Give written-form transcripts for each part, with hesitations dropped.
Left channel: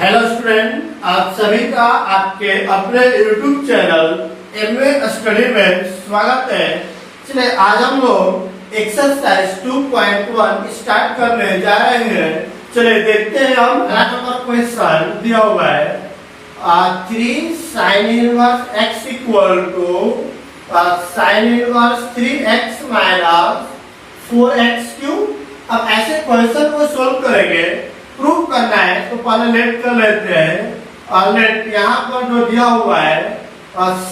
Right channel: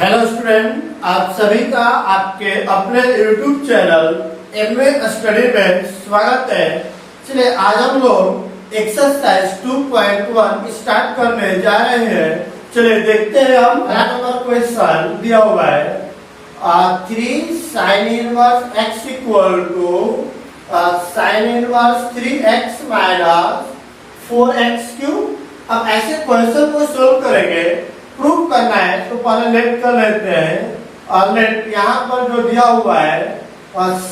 Hello student, आप सभी का आपके अपने YouTube चैनल एमवे स्टडी में स्वागत है। चलिए आज हम लोग एक्सरसाइज 2.1 स्टार्ट करने जा रहे हैं। चलिए देखते हैं हम नंबर क्वेश्चन दिया हुआ है 3 sin inverse x equal to sin inverse 3x minus 4x cube. अब ऐसे क्वेश्चन को सोल्व करेंगे, प्रूव करना है तो पहले लेट कर लेते हैं। और लेट यहाँ पर जो दिया हुआ है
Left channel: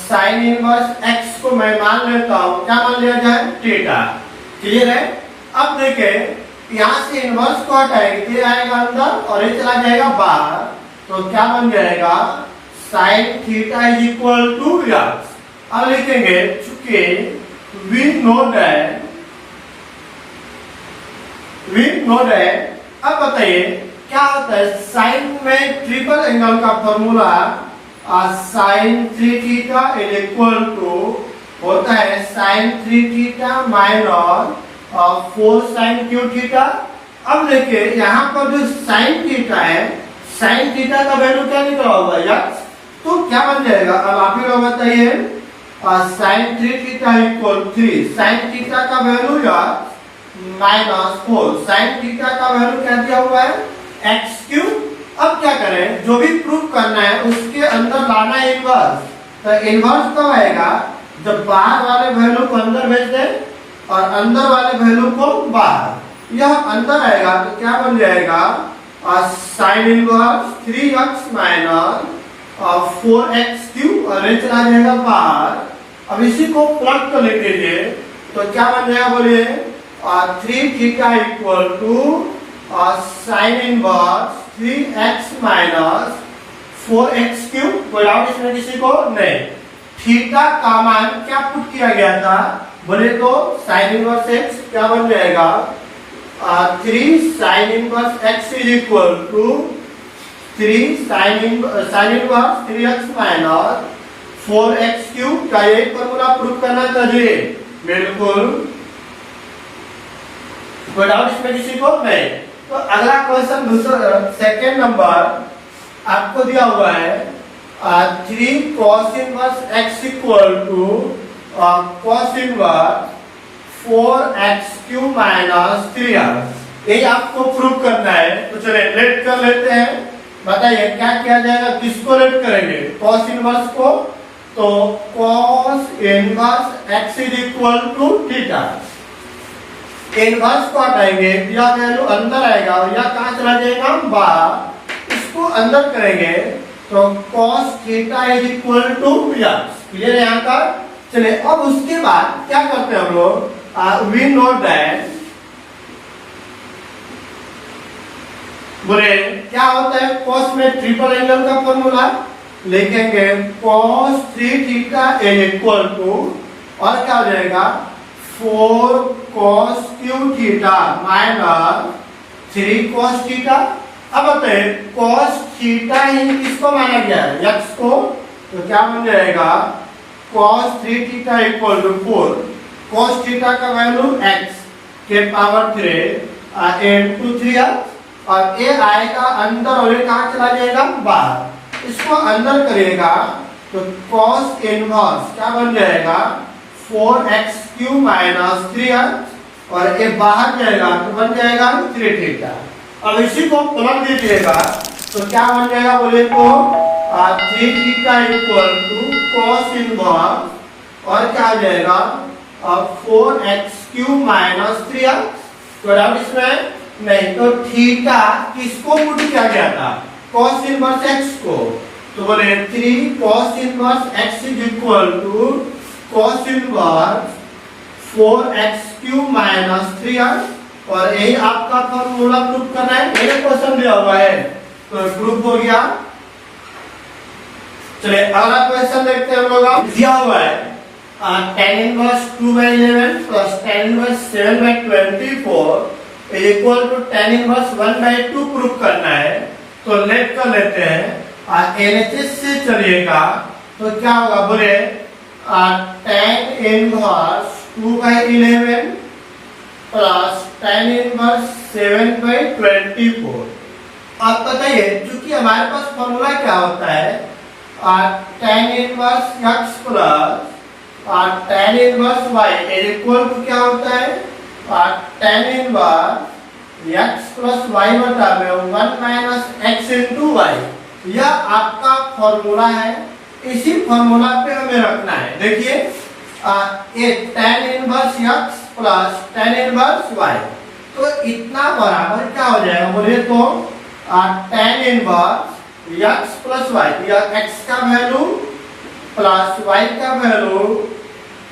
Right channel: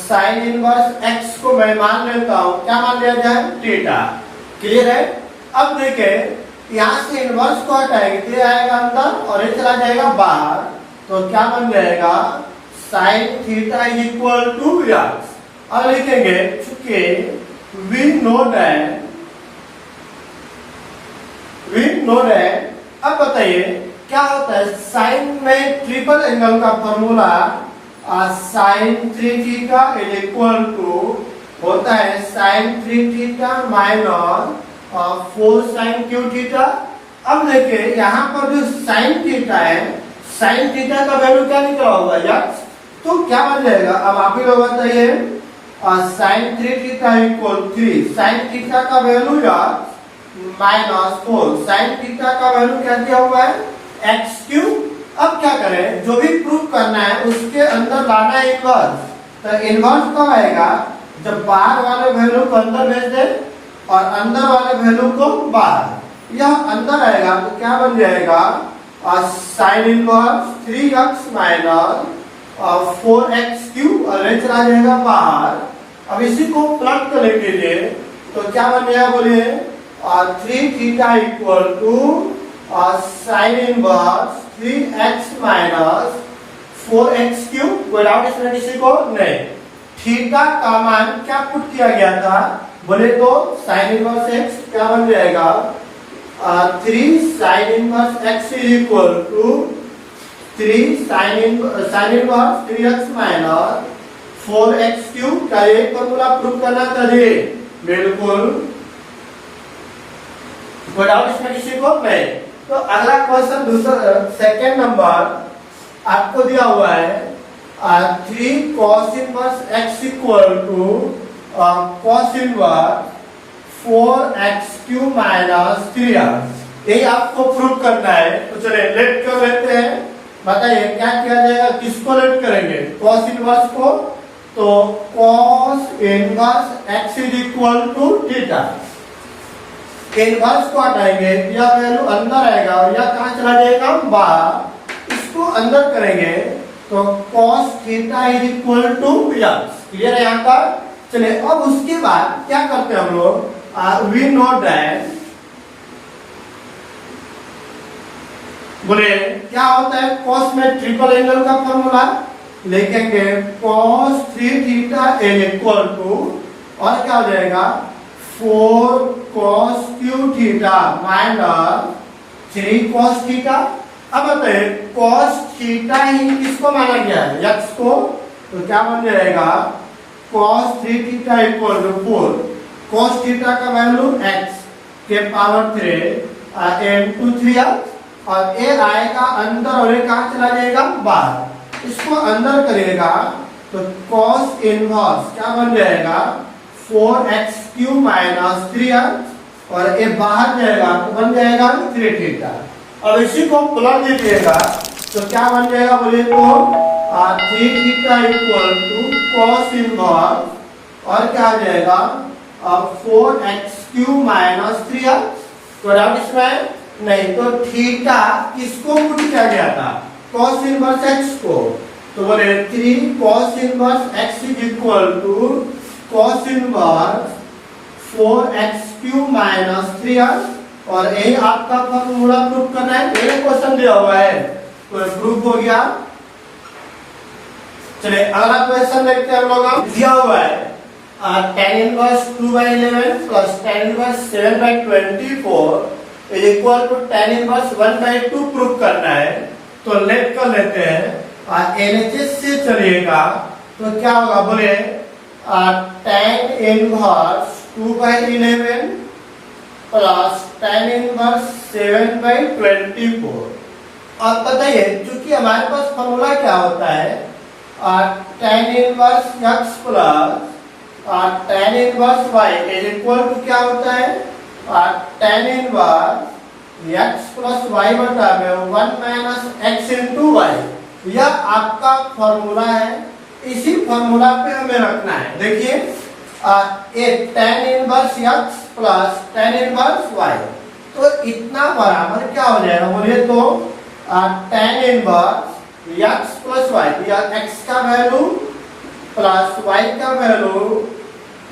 साइन इनवर्स x को मैं मान लेता हूँ, क्या मान लिया जाए, थीटा। क्लियर है। अब देखें यहाँ से इनवर्स को हटाएंगे, ये आएगा अंदर और ये चला जाएगा बाहर, तो क्या बन जाएगा sine theta is equal to x। अब लिखेंगे चूंकि वी नो दैट। अब बताइए क्या होता है साइन में ट्रिपल एंगल का formula sine 3 theta is equal to होता है sine 3 theta minus 4 sine cube theta. अब देखिए यहाँ पर जो साइन थीटा है, साइन थीटा का वैल्यू क्या निकला होगा x, तो क्या बन जाएगा। अब आप ही लोग बताइए sine 3 theta equal 3 sine theta का value x minus 4 sine theta का वैल्यू क्या दिया हुआ है x क्यूब। अब क्या करें, जो भी प्रूव करना है उसके अंदर लाना है इनवर्स। तो इनवर्स कब आएगा, जब बाहर वाले वैल्यू को अंदर भेज दे और अंदर वाले वैल्यू को बाहर। यह अंदर आएगा तो क्या बन जाएगा sign inverse 3x minus 4x cube और ये चला जाएगा बाहर। अब इसी को प्लग कर लिख दीजिए तो क्या बन जाएगा, बोलिए 3 theta equal to sine inverse 3x minus 4x cube. कोई डाउट इसमें किसी को नहीं। थीटा का मान क्या पुट किया गया था, बोले तो साइन इनवर्स x क्या बन जाएगा 3 sine inverse x is equal to 3 sine inverse 3x minus 4x cube. क्या ये फॉर्मूला प्रूव करना था जी? बिल्कुल, कोई डाउट इसमें किसी को नहीं। तो अगला क्वेश्चन दूसरा सेकेंड नंबर आपको दिया हुआ है 3 cos inverse x equal to cos inverse 4x cube minus 3x। यही आपको प्रूव करना है। तो चलिए लेट कर लेते हैं। बताइए क्या किया जाएगा, किसको लेट करेंगे, cos इनवर्स को। तो cos inverse x is equal to theta. Inverse को हटाएंगे, यह वैल्यू अंदर आएगा और यह कहां चला जाएगा, बाहर। इसको अंदर करेंगे तो cos theta is equal to x। Clear है यहाँ का। चलिए अब उसके बाद क्या करते हैं हम लोग, वी नो दैट, बोले क्या होता है cos में ट्रिपल एंगल का फॉर्मूला लिखेंगे cos 3 theta is equal to और क्या हो जाएगा 4 cos cube theta minus 3 cos theta. अब बताइए cos थीटा ही किसको माना गया है, x को। तो क्या बन जाएगा cos 3 theta equal to 4 cos theta का वैल्यू x के पावर 3 into 3x और ये आएगा अंदर और ये कहाँ चला जाएगा, बाहर। इसको अंदर करिएगा तो cos इनवर्स क्या बन जाएगा 4x क्यूब माइनस 3x और ये बाहर जाएगा तो बन जाएगा 3 थीटा। और इसी को प्लग दीजिएगा तो क्या बन जाएगा, बोले तो 3 theta equal to cos inverse और क्या आ जाएगा 4x क्यूब माइनस 3x। तो डाउट इसमें नहीं। तो थीटा किसको पुट किया गया था, cos इनवर्स x को। तो बोले 3 cos inverse x is equal to cos inverse 4x cube minus 3x और यही आपका फॉर्मूला प्रूव करना है। मेरे क्वेश्चन दिया हुआ है तो प्रूफ हो गया। चलिए अगला क्वेश्चन देखते हैं हम लोग। दिया हुआ है tan inverse 2/11 plus tan inverse 7/24 is equal to tan inverse 1/2 prove करना है। तो लेट कर लेते हैं। एलएचएस से चलिएगा तो क्या होगा, बोले tan inverse 2/11 plus tan inverse 7/24 आप बताइए, क्योंकि हमारे पास फॉर्मूला क्या होता है, tan inverse x plus tan inverse y is equal to क्या होता है, tan inverse x plus y बटा में 1 माइनस x इंटू वाई। यह आपका फॉर्मूला है, इसी फॉर्मूला पे हमें रखना है। देखिए ये tan inverse x plus tan inverse y, तो इतना बराबर क्या हो जाएगा बोलिए तो tan inverse x plus y, या x का वैल्यू प्लस y का वैल्यू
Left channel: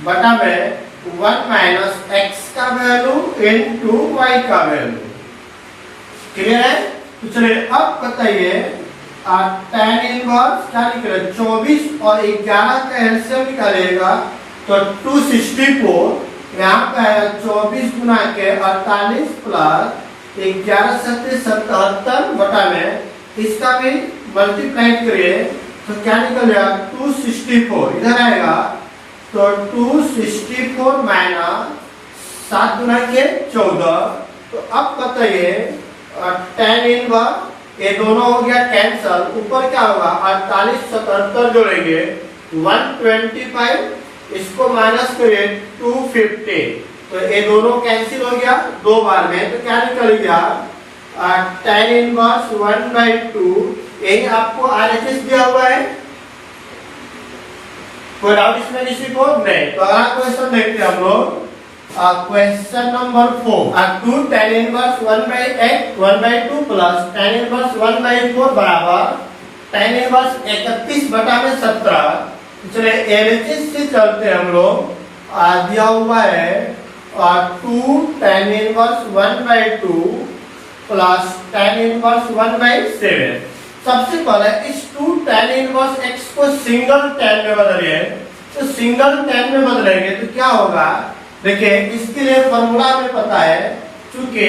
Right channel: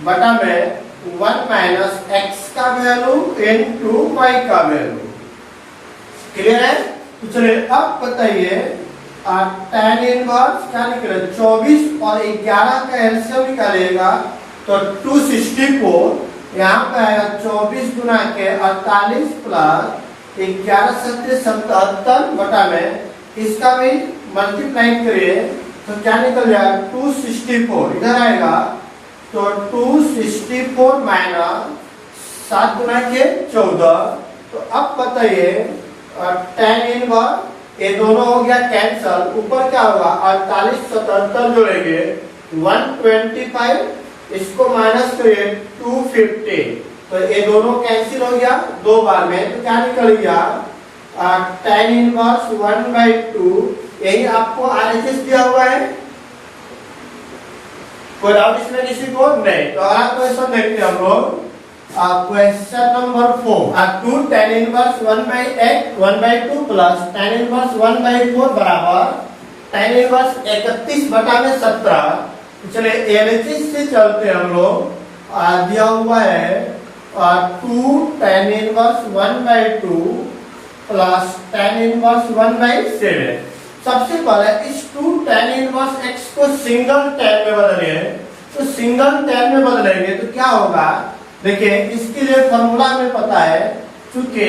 बटा में 1 माइनस x का वैल्यू इनटू y का वैल्यू। क्लियर है? तो चलिए अब बताइए tan इनवर्स क्या निकले 24 और 11 का एलसीएम निकालेगा तो 264, यहाँ पे आएगा 24 गुना के 48 प्लस 11 सत्ते 77 बटा में इसका भी मल्टीप्लाई करिए तो क्या निकल जाएगा 264, इधर आएगा तो 264 माइनस 7 गुना के 14। तो अब बताइए tan इनवर्स ये दोनों हो गया कैंसल, ऊपर क्या होगा 48 77 जोड़ेंगे 125, इसको माइनस करिए 250, तो ये दोनों कैंसिल हो गया दो बार में, तो क्या निकल गया tan इनवर्स 1/2। यही आपको आरएचएस दिया हुआ है, कोई डाउट इसमें किसी को नहीं? तो अगला क्वेश्चन देखते हैं हम लोग, question number 4, 2 tan inverse 1/2 plus tan inverse 1/4 बराबर tan इनवर्स 31 बटा में 17। चलिए एलएचएस से चलते हैं हम लोग, दिया हुआ है 2 tan inverse 1/2 plus tan inverse 1/7। सबसे पहले इस 2 tan इनवर्स x को सिंगल tan में बदलिए, तो सिंगल tan में बदलेंगे तो क्या होगा, देखिए इसके लिए फॉर्मूला हमें पता है, चूंकि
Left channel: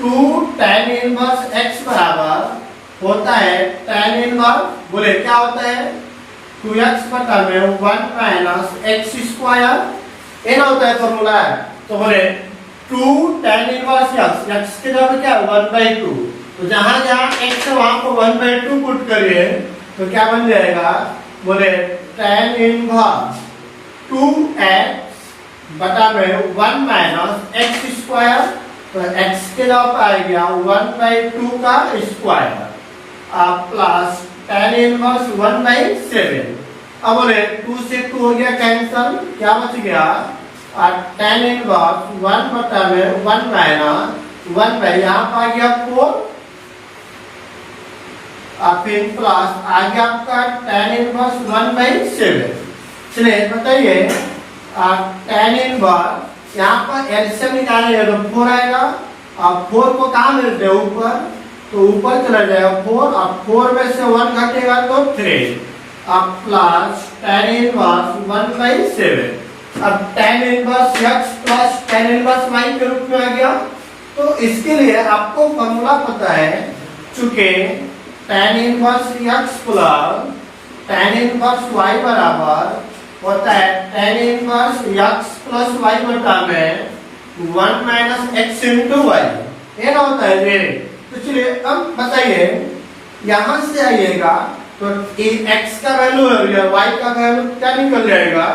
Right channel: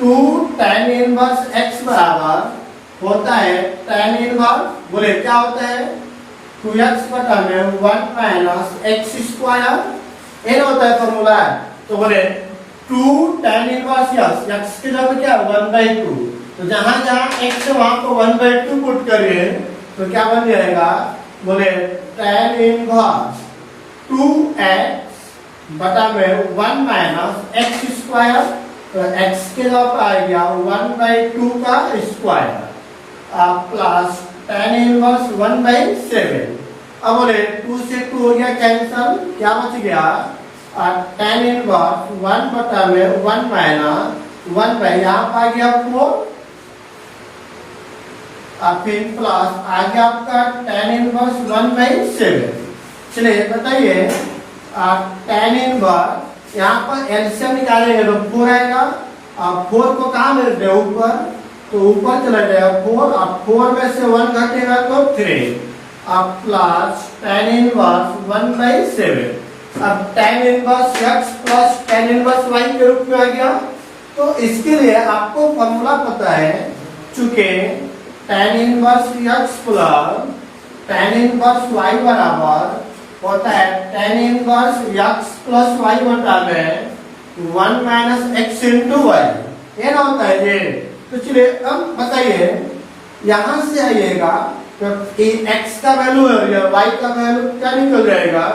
2 tan इनवर्स x बराबर होता है tan इनवर्स, बोले क्या होता है 2x बटा में 1 माइनस x स्क्वायर, ये होता है फॉर्मूला। तो बोले 2 tan इनवर्स x की जगह क्या 1/2, तो जहां जहां x है वहां पर 1/2 पुट करिए तो क्या बन जाएगा, बोले tan इनवर्स 2x बटा में 1 माइनस x स्क्वायर, तो x के जगह पर आ गया 1/2 का स्क्वायर प्लस tan इनवर्स 1/7। अब बोले 2 से 2 हो गया कैंसल, क्या बच गया tan इनवर्स 1 बटा में 1 माइनस 1 बाई यहाँ पर आ गया 4, फिर प्लस आ गया आपका tan इनवर्स 1/7। चलिए बताइए tan इनवर्स यहाँ पर एलसीएम निकालेंगे तो 4 आएगा, अब 4 को कहाँ मिलते हैं ऊपर, तो ऊपर चला जाएगा 4, अब 4 में से 1 घटेगा तो 3, अब प्लस tan इनवर्स 1/7। अब tan inverse x plus tan inverse y के रूप में आ गया। तो इसके लिए आपको फॉर्मूला पता है, चूंकि tan inverse x plus tan inverse y बराबर होता है tan inverse x plus y बटा में 1 माइनस x इंटू y, ये ना होता है ये। तो चलिए अब बताइए, यहां से आइएगा तो x का वैल्यू है y का वैल्यू क्या निकल जाएगा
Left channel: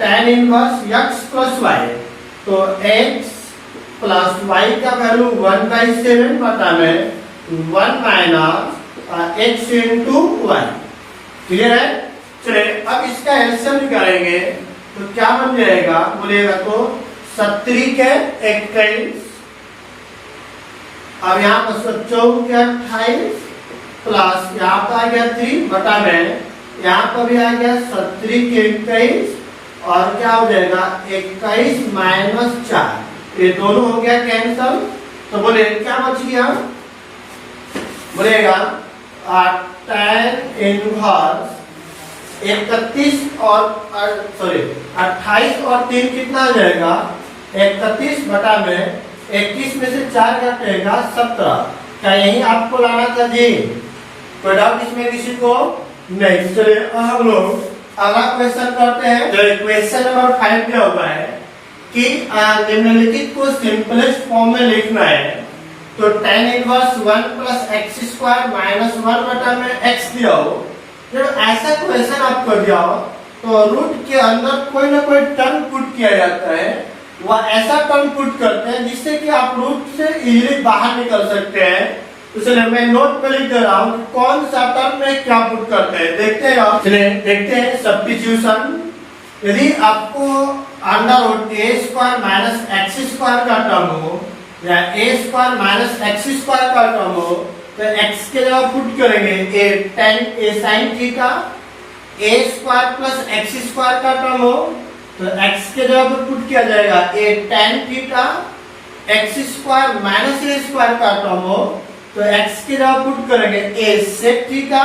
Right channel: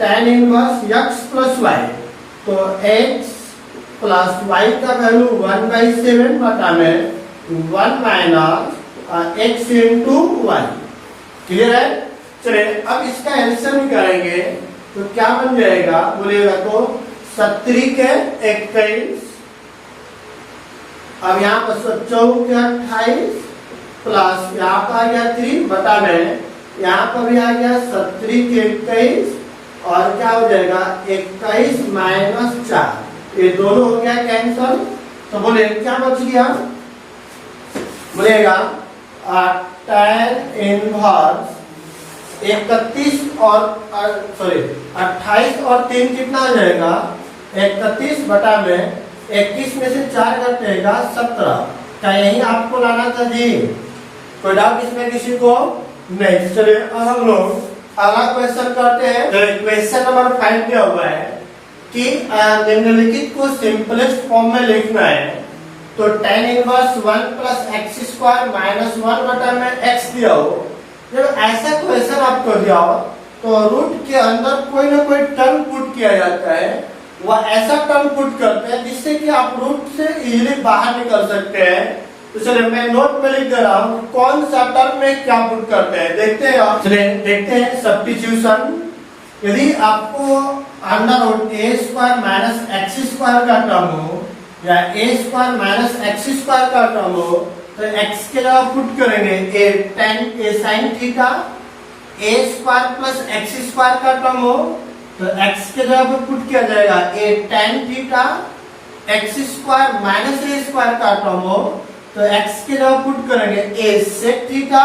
tan inverse x plus y, तो x प्लस y का वैल्यू 1/7 बटा में 1 minus x into y। Clear है? चलिए अब इसका एलसीएम निकालेंगे तो क्या बन जाएगा बोलेगा तो 17 के 21, अब यहाँ पर 14 के 28 प्लस यहाँ पर आ गया 3 बटा में यहाँ पर भी आ गया 17 के 21, और क्या हो जाएगा 21 माइनस 4, ये दोनों हो गया कैंसल। तो बोले क्या बच गया, बोलेगा tan इनवर्स 31 और सॉरी 28 और 3 कितना आ जाएगा 31 बटा में 21 में से 4 घटेगा 17। क्या यही आपको लाना था जी? कोई डाउट इसमें किसी को नहीं? चलिए हम लोग अगला क्वेश्चन करते हैं। क्वेश्चन नंबर 5 दिया हुआ है कि निम्नलिखित को सिंपलेस्ट फॉर्म में लिखना है। तो tan inverse 1 plus x square minus 1 बटा में x दिया हो, जब ऐसा क्वेश्चन आपको दिया हो तो रूट के अंदर कोई ना कोई टर्म पुट किया जाता है, वह ऐसा टर्म पुट करते हैं जिससे कि आप रूट से इजीली बाहर निकल सकते हैं। तो चलिए मैं नोट पे लिख दे रहा हूँ कौन सा टर्म में क्या पुट करते हैं, देखते हैं आप। चलिए देखते हैं सब्स्टिट्यूशन। यदि आपको under root a square minus x square का टर्म हो या a square minus x square का टर्म हो, तो एक्स के जगह पुट करेंगे a sine theta. A square plus x square का टर्म हो तो एक्स के जगह पर पुट किया जाएगा a tan theta. X square minus a square का टर्म हो तो एक्स के जगह पुट करेंगे ए सेक थीटा।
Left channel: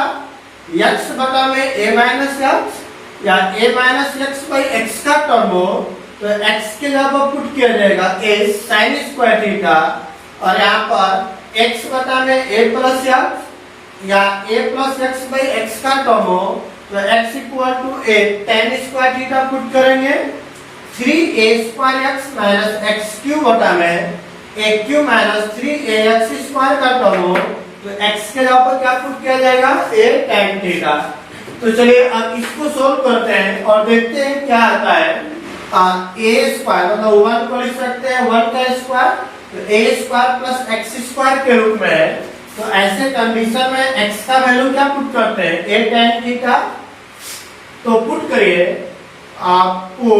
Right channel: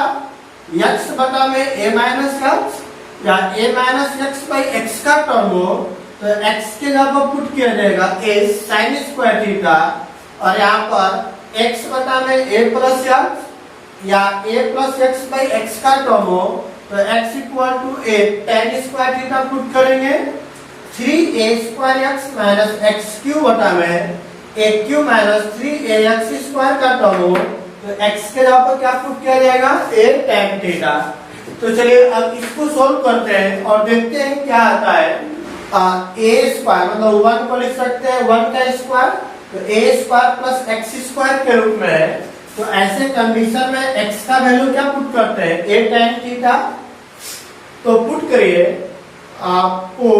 एक्स बटा में ए माइनस एक्स या ए माइनस एक्स बाई एक्स का टर्म हो तो एक्स के जगह पर पुट किया जाएगा ए साइन स्क्वायर थीटा। और यहाँ पर एक्स बटा में ए प्लस एक्स या a plus x by x का टर्म हो तो x equal to a tan square theta put करेंगे। 3a square x minus x cube बटा में a cube minus 3a x square का टर्म हो तो x के जगह पर क्या पुट किया जाएगा ए टेन थीटा। तो चलिए अब इसको सोल्व करते हैं और देखते हैं क्या आता है। ए स्क्वायर मतलब 1 को लिख सकते हैं 1 का स्क्वायर, तो ए स्क्वायर प्लस एक्स स्क्वायर के रूप में है। तो ऐसे कंडीशन में x का वैल्यू क्या पुट करते हैं ए टेन थीटा। तो पुट करिए आपको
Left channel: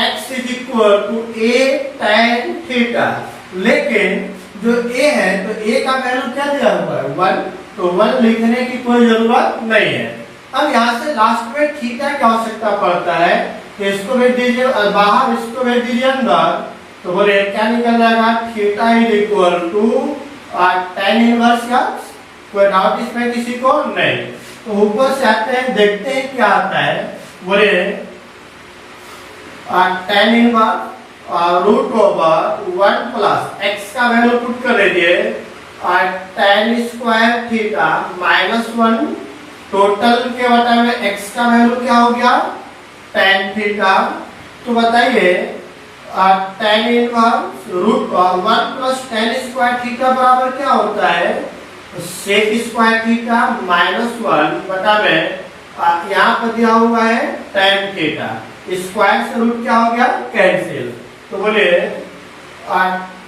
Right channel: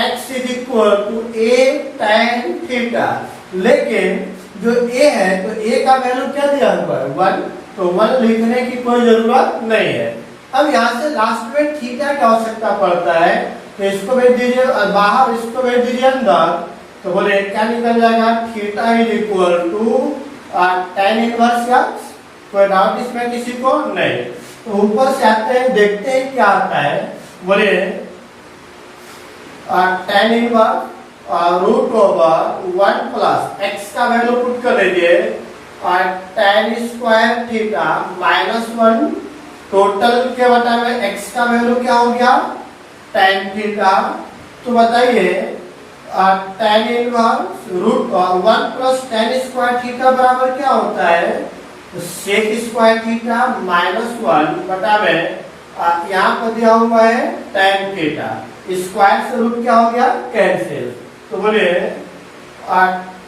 x is equal to a tan theta, लेकिन जो a है तो a का वैल्यू क्या दिया हुआ है 1, तो 1 लिखने की कोई जरूरत नहीं है। अब यहाँ से लास्ट में थीटा की आवश्यकता पड़ता है कि इसको भेज दीजिए बाहर, इसको भेज दीजिए अंदर, तो बोले क्या निकल जाएगा theta is equal to tan inverse x. कोई डाउट इसमें किसी को नहीं। तो ऊपर से आते हैं देखते हैं क्या आता है। बोले tan inverse root over 1 plus x का वैल्यू पुट कर दीजिए tan square theta minus 1 total के बटा में एक्स का वैल्यू क्या हो गया tan थीटा। तो बताइए tan inverse root 1 plus tan square theta बराबर क्या होता है सेक स्क्वायर थीटा माइनस 1 बटा में यहाँ पर दिया हुआ है tan थीटा। स्क्वायर से रूट क्या हो गया कैंसिल। तो बोले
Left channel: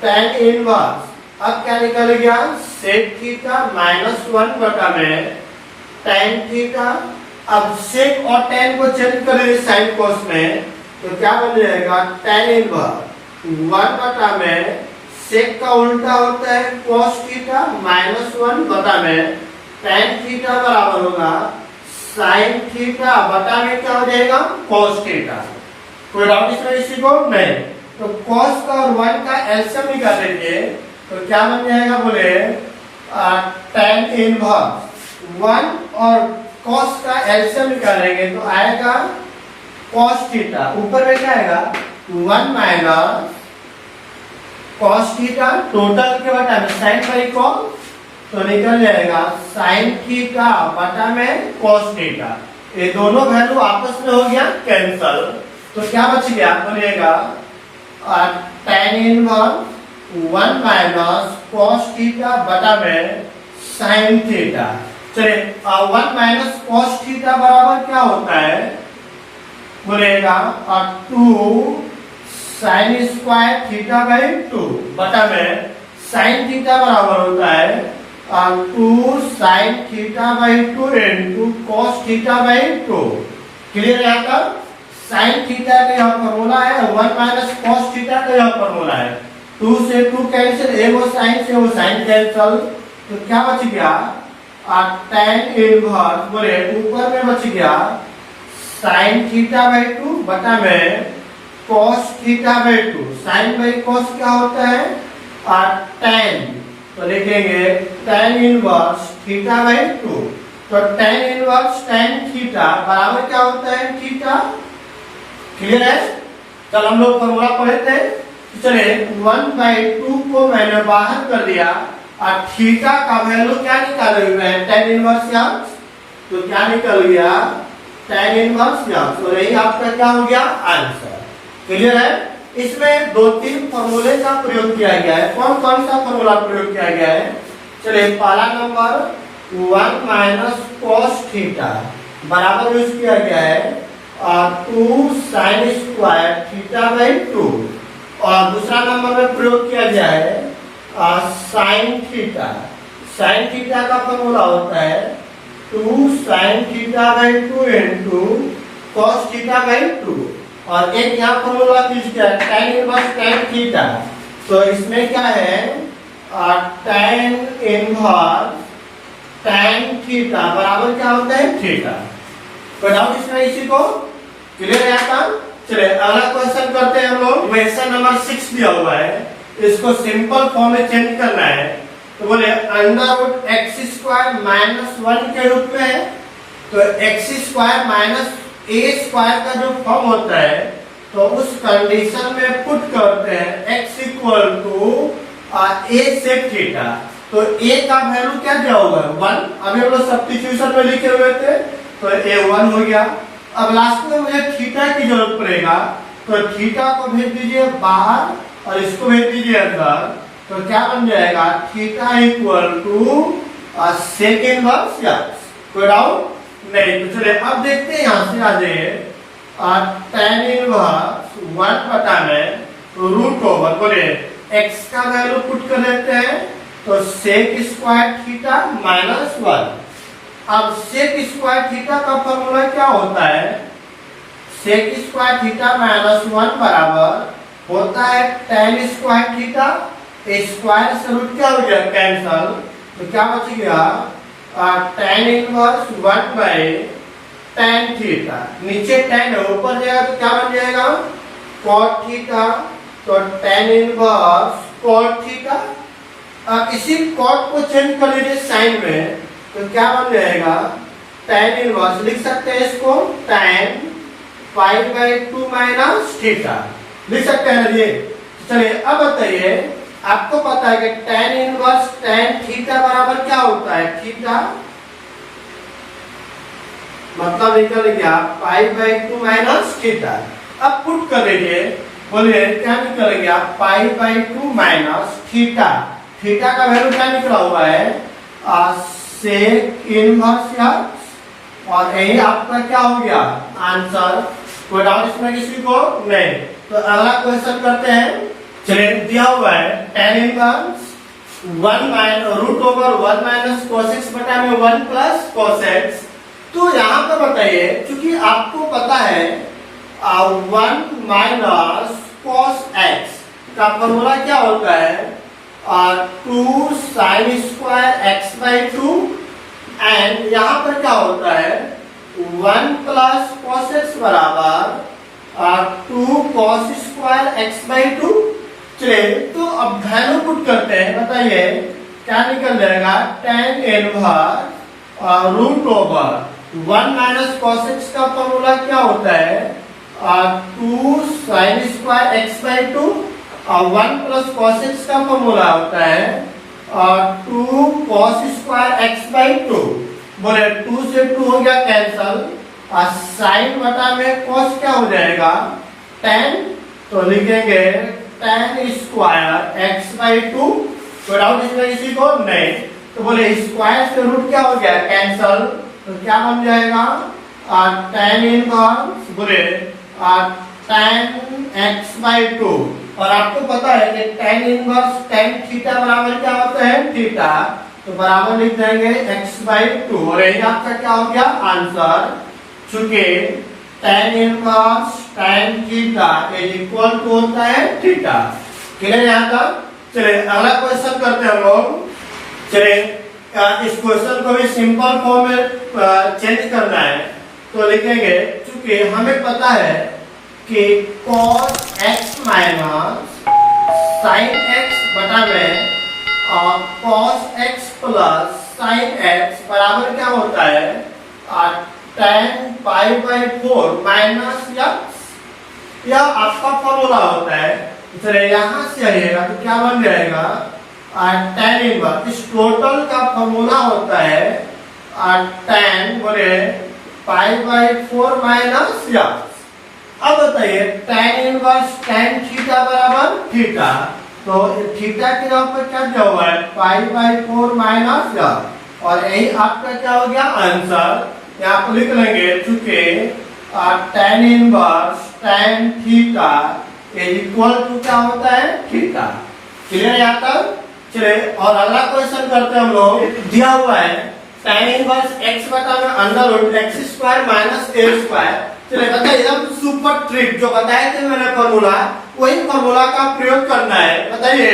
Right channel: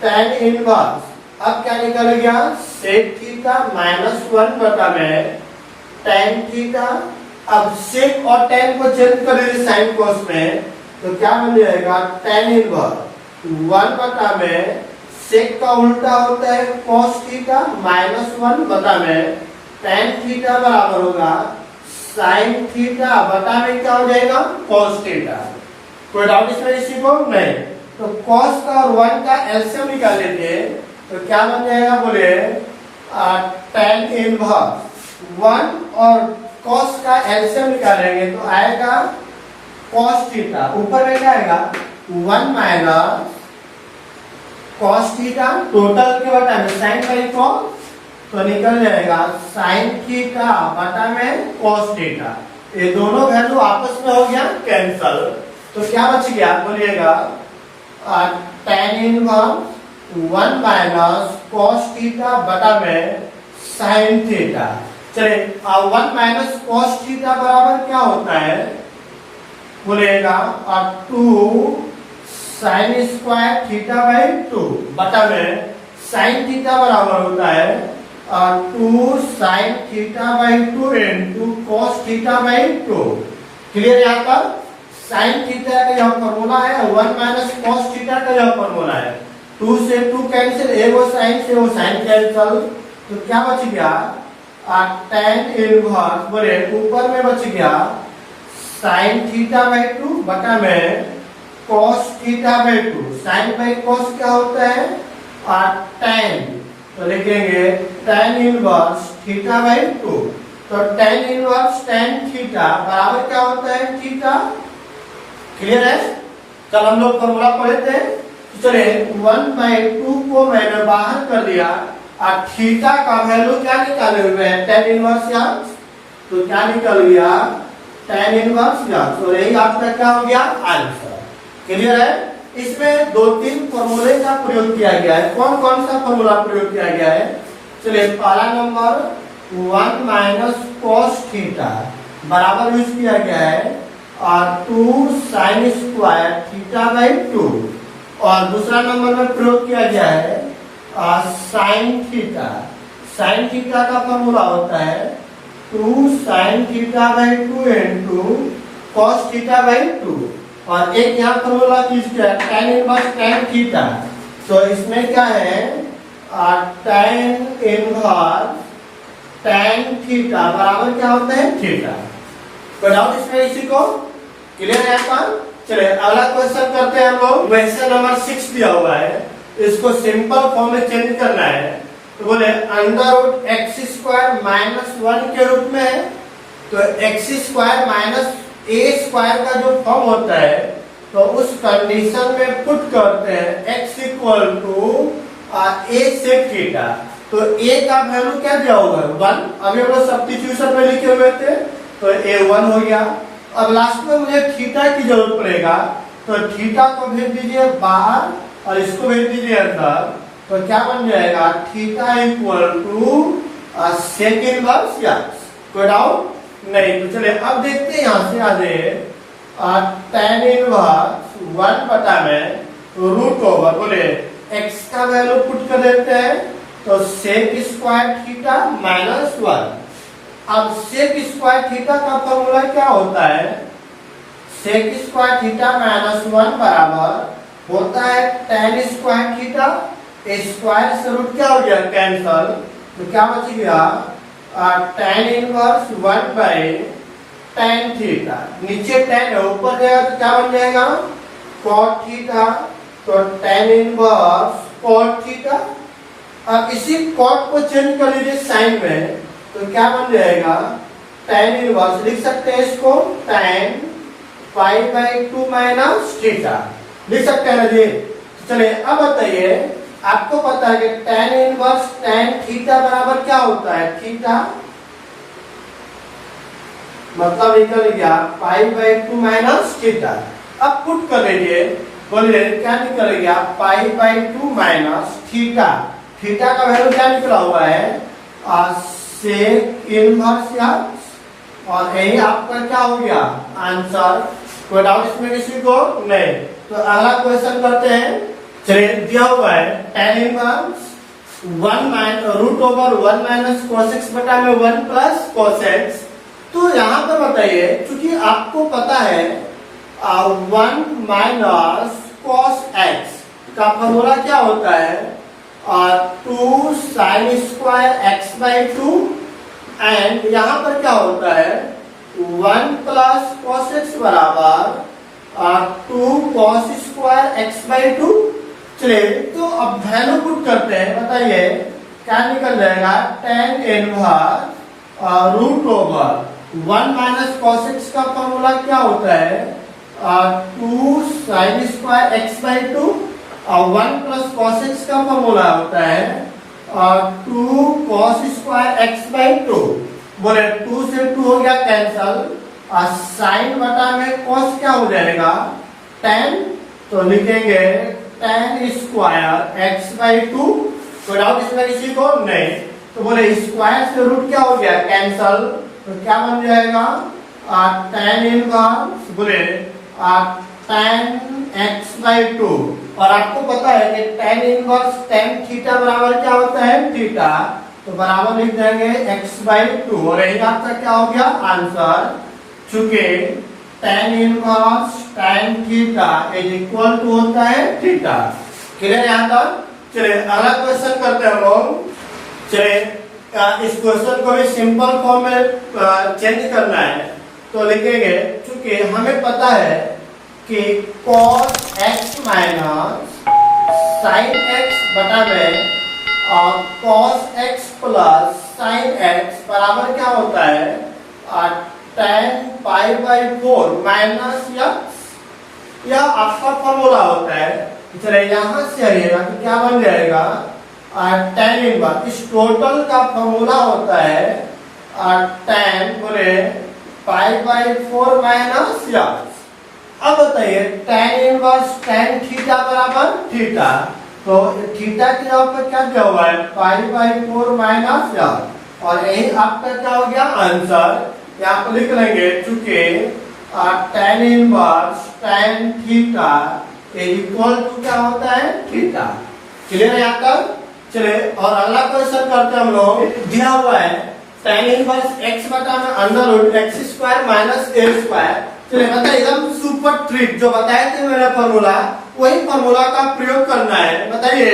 tan इनवर्स अब क्या निकल गया सेक थीटा माइनस 1 बटा में tan थीटा। अब सेक और tan को चेंज कर लीजिए साइन कोस में, तो क्या बन जाएगा tan इनवर्स 1 बटा में सेक का उल्टा होता है cos थीटा माइनस 1 बटा में tan थीटा बराबर होगा sin थीटा बटा में क्या हो जाएगा cos थीटा। कोई डाउट इसमें किसी को नहीं। तो cos का और 1 का एलसीएम निकाल लीजिए, तो क्या बन जाएगा बोले tan इनवर्स 1 और cos का एलसीएम निकालेंगे तो आएगा cos थीटा। ऊपर में क्या आएगा 1 माइनस cos थीटा टोटल के बटा में sin बाई cos, तो निकल जाएगा sin थीटा बटा में cos थीटा। ये दोनों वैल्यू आपस में हो गया कैंसल। तो क्या बच गया बोलिएगा tan inverse 1 minus cos theta बटा में sin थीटा। चलिए 1 माइनस cos थीटा बराबर क्या होता है बोलेगा 2 साइन स्क्वायर थीटा बाई 2 बटा में साइन थीटा बराबर होता है 2 sine theta by 2 into cos theta by 2। Clear यहाँ तक। साइन थीटा का यह फॉर्मूला है 1 माइनस कॉस थीटा का यह फॉर्मूला है। 2 से 2 कैंसिल, एगो साइन से वो साइन कैंसिल, तो क्या बच गया tan इनवर्स बोले ऊपर में बच गया साइन थीटा बाई 2 बटा में cos theta by 2। Sine by cos क्या होता है tan, तो लिखेंगे tan इनवर्स थीटा बाई 2। तो tan इनवर्स tan थीटा बराबर क्या होता है थीटा। क्लियर है। चल हम लोग फॉर्मूला पढ़े थे, चले 1/2 को मैंने बाहर कर दिया और थीटा का वैल्यू क्या निकाले हुए हैं tan इनवर्स एक्स, तो क्या निकल गया tan इनवर्स एक्स, और यही आपका क्या हो गया आंसर। क्लियर है। इसमें दो तीन फॉर्मूले का प्रयोग किया गया है। कौन कौन सा फॉर्मूला प्रयोग किया गया है? चलिए, पहला नंबर 1 माइनस कॉस थीटा बराबर यूज किया गया है और 2 साइन स्क्वायर थीटा बाई 2। और दूसरा नंबर में प्रयोग किया गया है साइन थीटा। साइन थीटा का फॉर्मूला होता है 2 sine theta by 2 into cos theta by 2। और एक यहाँ फॉर्मूला यूज किया है tan इनवर्स tan थीटा। तो इसमें क्या है tan इनवर्स tan थीटा बराबर क्या होता है थीटा। तो डाउट इसमें इसी को क्लियर है आपका? चलिए अगला क्वेश्चन करते हैं हम लोग। क्वेश्चन नंबर 6 दिया हुआ है, इसको सिंपल फॉर्म में चेंज करना है। तो बोले under root x square minus 1 के रूप में है। तो x square minus a square का जो फॉर्म होता है तो उस कंडीशन में पुट करते हैं x equal to a sec theta. तो a का वैल्यू क्या दिया हुआ है 1। अभी हम लोग सब्स्टिट्यूशन में लिखे हुए थे तो a 1 हो गया। अब लास्ट में मुझे थीटा की जरूरत पड़ेगा, तो थीटा को भेज दीजिए बाहर और इसको भेज दीजिए अंदर। तो क्या बन जाएगा theta equal to sec inverse x. कोई डाउट नहीं? तो चलिए अब देखते हैं यहाँ से आ जाइए tan इनवर्स 1 बटा में रूट ओवर बोले x का वैल्यू पुट कर देते हैं तो सेक स्क्वायर थीटा माइनस 1। अब सेक स्क्वायर थीटा का फॉर्मूला क्या होता है? सेक स्क्वायर थीटा माइनस 1 बराबर होता है tan स्क्वायर थीटा। स्क्वायर से रूट क्या हो गया कैंसल, तो क्या बच गया tan inverse 1 by tan theta. नीचे tan है, ऊपर जाएगा तो क्या बन जाएगा cot थीटा। तो tan इनवर्स cot थीटा। अब इसी cot को चेंज कर लीजिए साइन में, तो क्या बन जाएगा tan इनवर्स। लिख सकते हैं इसको tan pi by 2 minus theta लिख सकते हैं ना जी। चलिए अब बताइए, आपको पता है कि tan इनवर्स tan थीटा बराबर क्या होता है थीटा, मतलब निकल गया पाई बाई 2 माइनस थीटा। अब पुट कर लीजिए, बोलिए क्या निकल गया pi by 2 minus theta. Theta का वैल्यू क्या निकला हुआ है सेक इनवर्स एक्स। और यही आपका क्या हो गया आंसर। कोई डाउट इसमें किसी को नहीं? तो अगला क्वेश्चन करते हैं। चलिए दिया हुआ है tan inverse 1 minus root over 1 minus cos x बटा में 1 प्लस cos x। तो यहाँ पे बताइए, क्योंकि आपको पता है 1 माइनस cos x का फॉर्मूला क्या होता है 2 sine square x by 2। And यहाँ पर क्या होता है 1 प्लस cos x बराबर 2 cos स्क्वायर x बाई 2। चलिए तो अब वैल्यू पुट करते हैं, बताइए क्या निकल जाएगा tan inverse root over 1 minus cos x का फॉर्मूला क्या होता है 2 साइन स्क्वायर x बाई 2 और 1 प्लस cos x का फॉर्मूला होता है 2 cos स्क्वायर x बाई 2। बोले 2 से 2 हो गया कैंसल और साइन बटा में cos क्या हो जाएगा tan। तो लिखेंगे tan स्क्वायर x बाई 2। कोई डाउट इसमें किसी को नहीं? तो बोले स्क्वायर से रूट क्या हो गया कैंसल, तो क्या बन जाएगा tan इनवर्स बोले tan x बाई 2। और आपको पता है कि tan इनवर्स tan थीटा बराबर क्या होता है थीटा। तो बराबर लिख देंगे x बाई 2 और यही आपका क्या हो गया आंसर। चूंकि tan inverse tan theta is equal to होता है थीटा। क्लियर यहाँ तक? चलिए अगला क्वेश्चन करते हैं हम लोग। चलिए इस क्वेश्चन को भी सिंपल फॉर्म में चेंज करना है। तो लिखेंगे, चूंकि हमें पता है कि cos x minus sin x बटा में cos x plus sin x बराबर क्या होता है tan pi by 4 minus x। यह आपका फॉर्मूला होता है। चलिए यहाँ से आइएगा तो क्या बन जाएगा tan इनवर्स। इस टोटल का फॉर्मूला होता है tan बोले पाई बाई 4 माइनस x। अब बताइए tan इनवर्स tan थीटा बराबर थीटा, तो थीटा की जगह पर क्या क्या हुआ है π/4 माइनस l, और यही आपका क्या हो गया आंसर। यहाँ पर लिख लेंगे चूंकि tan inverse tan theta equal to क्या होता है थीटा। क्लियर यहाँ तक? चलिए और अगला क्वेश्चन करते हैं हम लोग। दिया हुआ है tan इनवर्स x बटा में under root x square minus a square. चलिए बताइए एकदम सुपर ट्रिक जो बताए थे मैंने फॉर्मूला, वही फॉर्मूला का प्रयोग करना है। बताइए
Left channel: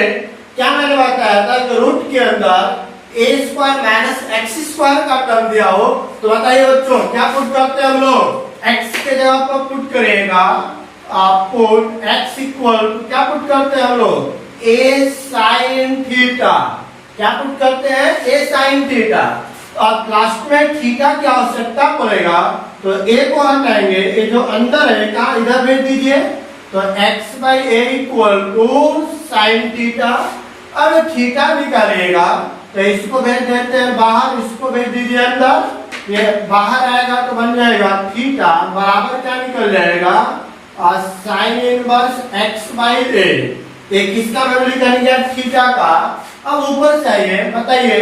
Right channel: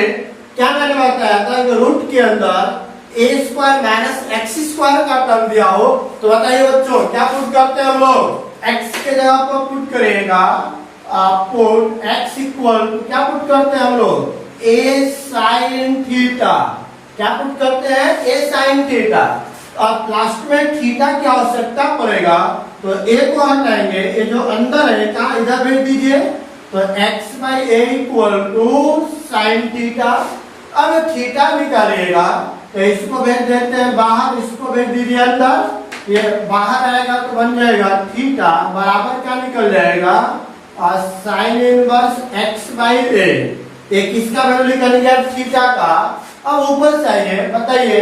क्या मैंने बताया था कि रूट के अंदर ए स्क्वायर माइनस एक्स स्क्वायर का टर्म दिया हो, तो बताइए बच्चों क्या पुट करते हैं हम लोग, एक्स के जगह पर पुट करिएगा पुट एक्स इक्वल टू क्या पुट करते हैं हम लोग ए साइन थीटा। क्या पुट करते हैं ए साइन थीटा, और लास्ट में थीटा की आवश्यकता पड़ेगा तो ए को हटाएंगे, ये जो अंदर है कहा इधर भेज दीजिए, तो x by a equal to sine theta. अब थीटा निकालिएगा तो इसको भेज देते हैं बाहर, इसको भेज दीजिए अंदर, ये बाहर आएगा तो बन जाएगा थीटा बराबर क्या निकल जाएगा साइन इनवर्स x बाई ए। ये किसका वैल्यू निकालेंगे थीटा का। अब ऊपर चाहिए बताइए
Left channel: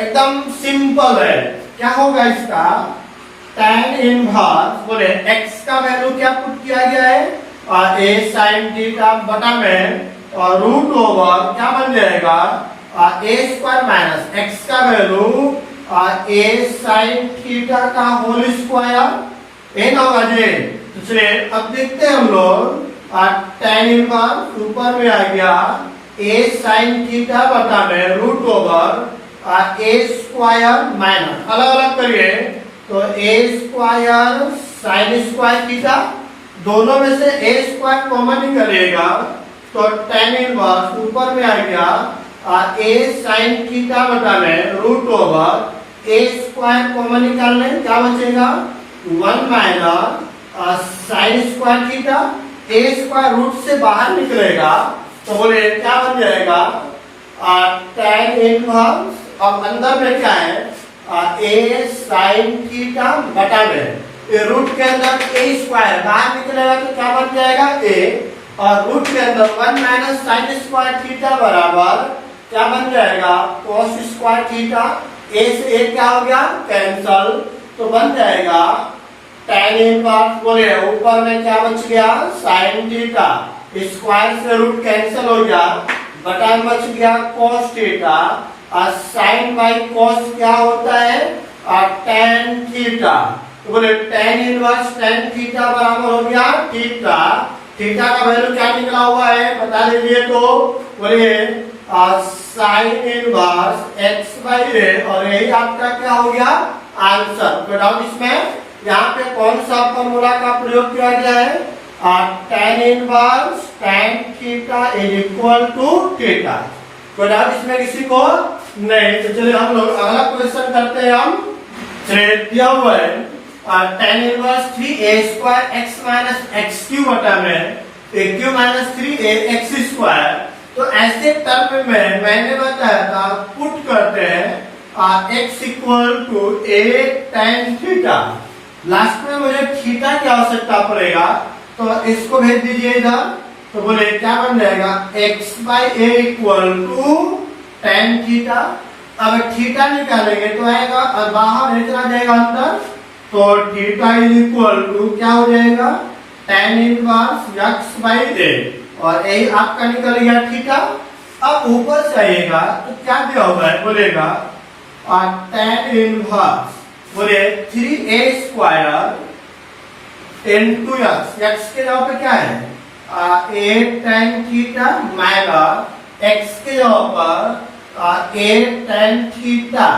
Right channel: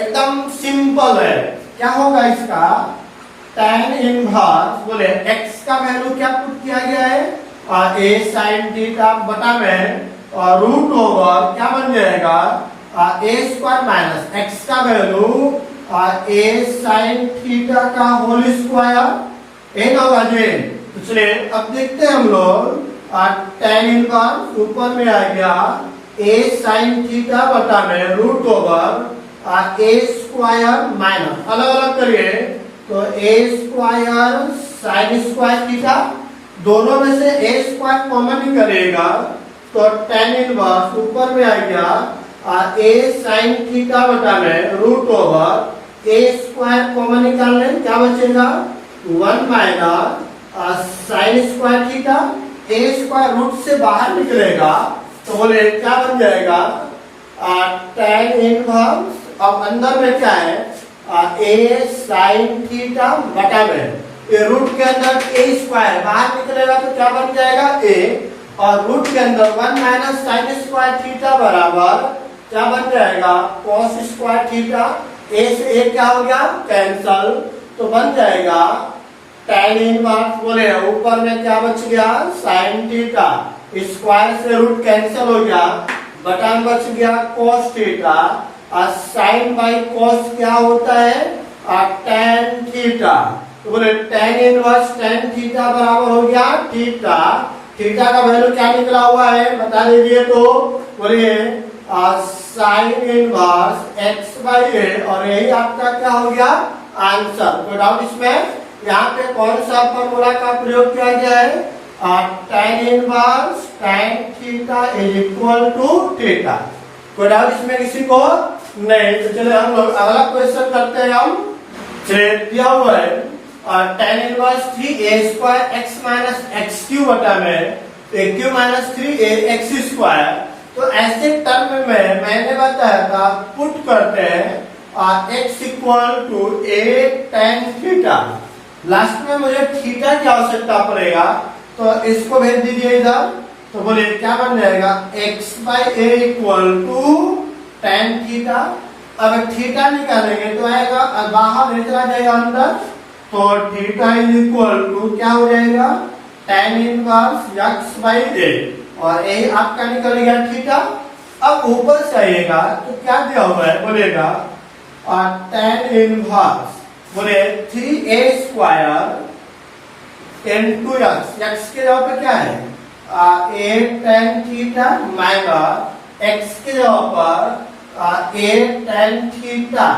एकदम सिंपल है, क्या होगा इसका tan इनवर्स बोले x का वैल्यू क्या पुट किया गया है और a sin थीटा बटा में और रूट ओवर क्या बन जाएगा a स्क्वायर माइनस x का वैल्यू a sin थीटा का होल स्क्वायर ए ना होगा जी। तो चलिए अब देखते हैं हम लोग tan इनवर्स ऊपर में आ गया a sin थीटा बटा में root over a square minus अलग अलग करिए तो a square sine square theta, दोनों में से a स्क्वायर कॉमन निकलेगा तो tan इनवर्स ऊपर में आ गया a साइन थीटा बटा में root over a square common निकालने क्या बचेगा 1 minus sine square theta, a square root से बाहर निकलेगा तो बोले क्या बन जाएगा tan इनवर्स। अब अंदर में क्या है a साइन थीटा बटा में रूट के अंदर a स्क्वायर बाहर निकलेगा तो क्या बन जाएगा a, और रूट के अंदर 1 माइनस साइन स्क्वायर थीटा बराबर क्या बन जाएगा cos स्क्वायर थीटा। a से a क्या हो गया कैंसल, तो बन जाएगा tan इनवर्स बोले ऊपर में क्या बच गया साइन थीटा, स्क्वायर से रूट कैंसल हो गया, बटा में बच गया cos थीटा, और साइन बाई cos क्या होता है tan थीटा। तो बोले tan इनवर्स tan थीटा बराबर हो गया थीटा। थीटा का वैल्यू क्या निकला हुआ है बता दीजिए, तो बोलिए साइन इनवर्स x बाई ए, और यही आपका क्या हो गया आंसर। कोई डाउट इसमें? यहाँ पे कौन सा फॉर्मूला का प्रयोग किया गया है tan inverse tan theta is equal to theta. कोई डाउट इसमें किसी को? नहीं। तो चलिए हम लोग अगला क्वेश्चन करते हैं। हम चलिए दिया हुआ है tan inverse 3a square x minus x cube बटा में Q minus 3a x square. तो ऐसे टर्म में मैंने बताया था पुट करते हैं x equal to a tan theta, last में मुझे थीटा की आवश्यकता पड़ेगा तो इसको भेज दीजिए इधर, तो बोले क्या बन जाएगा x by a equal to tan theta. अब थीटा निकालेंगे तो आएगा और बाहर चला जाएगा अंदर, तो थीटा इज इक्वल टू क्या हो जाएगा tan इनवर्स x बाई ए, और यही आपका निकल गया थीटा। अब ऊपर से आइएगा तो क्या दिया हुआ है बोलेगा tan इनवर्स बोले 3a स्क्वायर इनटू x के जगह पे क्या है a tan theta minus x के जगह पर a tan थीटा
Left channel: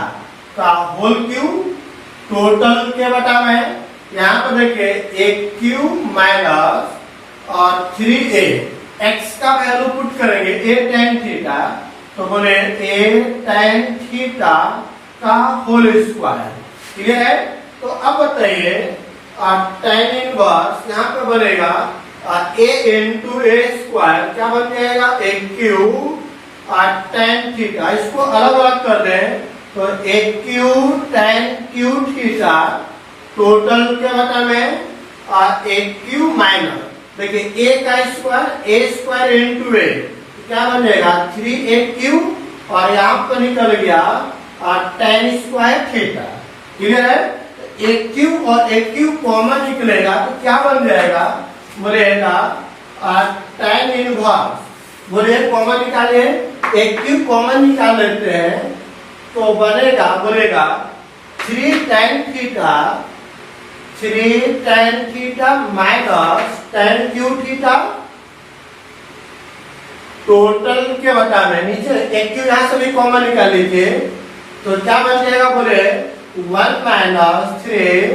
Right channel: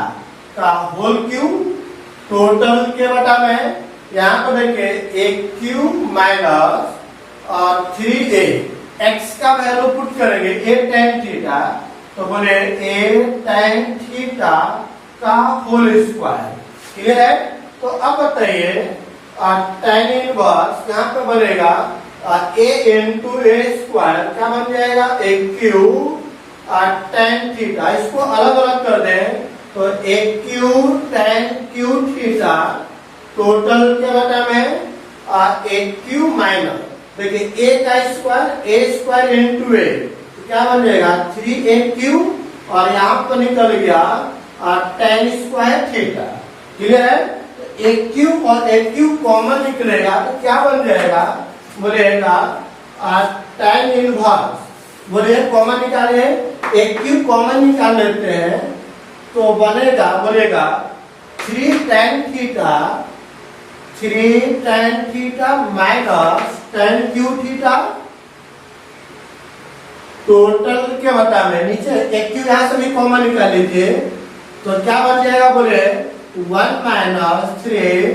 का होल क्यूब टोटल के बटा में, यहाँ पर देखिए a क्यूब माइनस और 3a x का वैल्यू पुट करेंगे a tan थीटा, तो बोले a tan थीटा का होल स्क्वायर। क्लियर है? तो अब बताइए tan इनवर्स यहाँ पे बनेगा a इंटू ए स्क्वायर क्या बन जाएगा a क्यूब tan थीटा, इसको अलग अलग कर दें तो a cube tan cube theta total के बटा में ए क्यू माइनस, देखिए ए का स्क्वायर ए स्क्वायर इंटू ए, क्या बन जाएगा 3a³ और यहाँ पर निकल गया tan स्क्वायर थीटा। क्लियर है? a³ और a³ कॉमन निकलेगा तो क्या बन जाएगा, बोलेगा tan इनवर्स, बोलिए कॉमन निकालिए, a³ कॉमन निकाल लेते हैं तो बनेगा, बोलेगा 3 tan theta minus tan Q theta, total के बता में नीचे एक यहां से भी कॉमन निकाल लीजिए तो क्या बन जाएगा, बोले 1 माइनस 3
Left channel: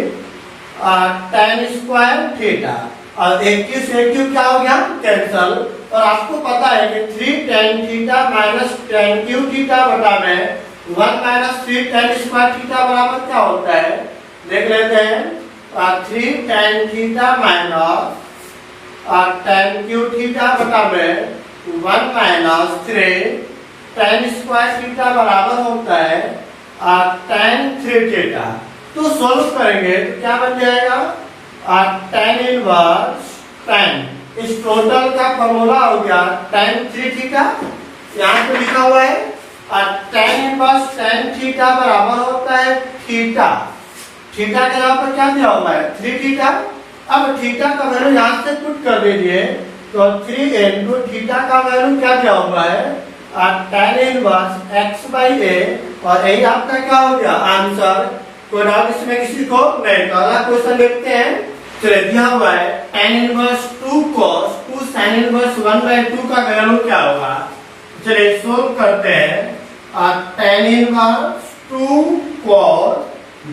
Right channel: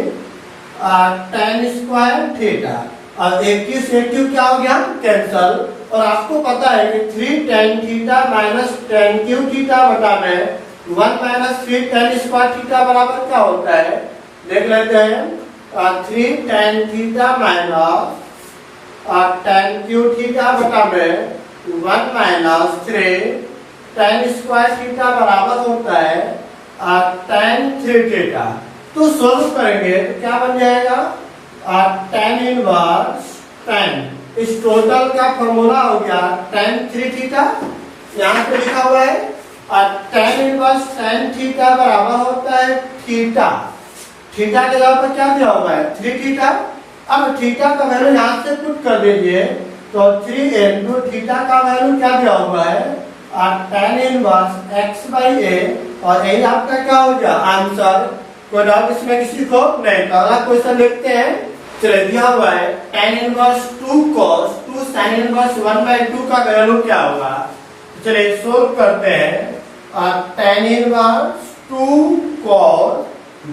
tan स्क्वायर थीटा, और एक से एक क्या हो गया कैंसल, और आपको पता है कि 3 tan theta minus tan Q theta बटा में 1 माइनस 3 tan स्क्वायर थीटा बराबर क्या होता है, देख लेते हैं। 3 tan theta minus tan Q theta बटा में 1 माइनस 3 tan स्क्वायर थीटा बराबर होता है tan 3 थीटा। तो सोल्व करेंगे तो क्या बन जाएगा, tan इनवर्स tan, इस टोटल का फॉर्मूला हो गया tan 3 थीटा, यहाँ पे लिखा हुआ है tan इनवर्स tan थीटा बराबर होता है थीटा, थीटा के अलावा पर क्या दिया हुआ है 3 थीटा। अब थीटा का वैल्यू यहाँ से पुट कर दीजिए तो 3 इंटू थीटा का वैल्यू क्या दिया हुआ है tan इनवर्स x बाई ए, और यही आपका क्या हो गया आंसर। कोई डाउट इसमें किसी को नहीं? तो अगला क्वेश्चन देखते हैं। चलिए दिया हुआ है tan inverse 2 cos 2 sin inverse 1/2 का वैल्यू क्या होगा। चलिए सोल्व करते हैं। tan इनवर्स 2 cos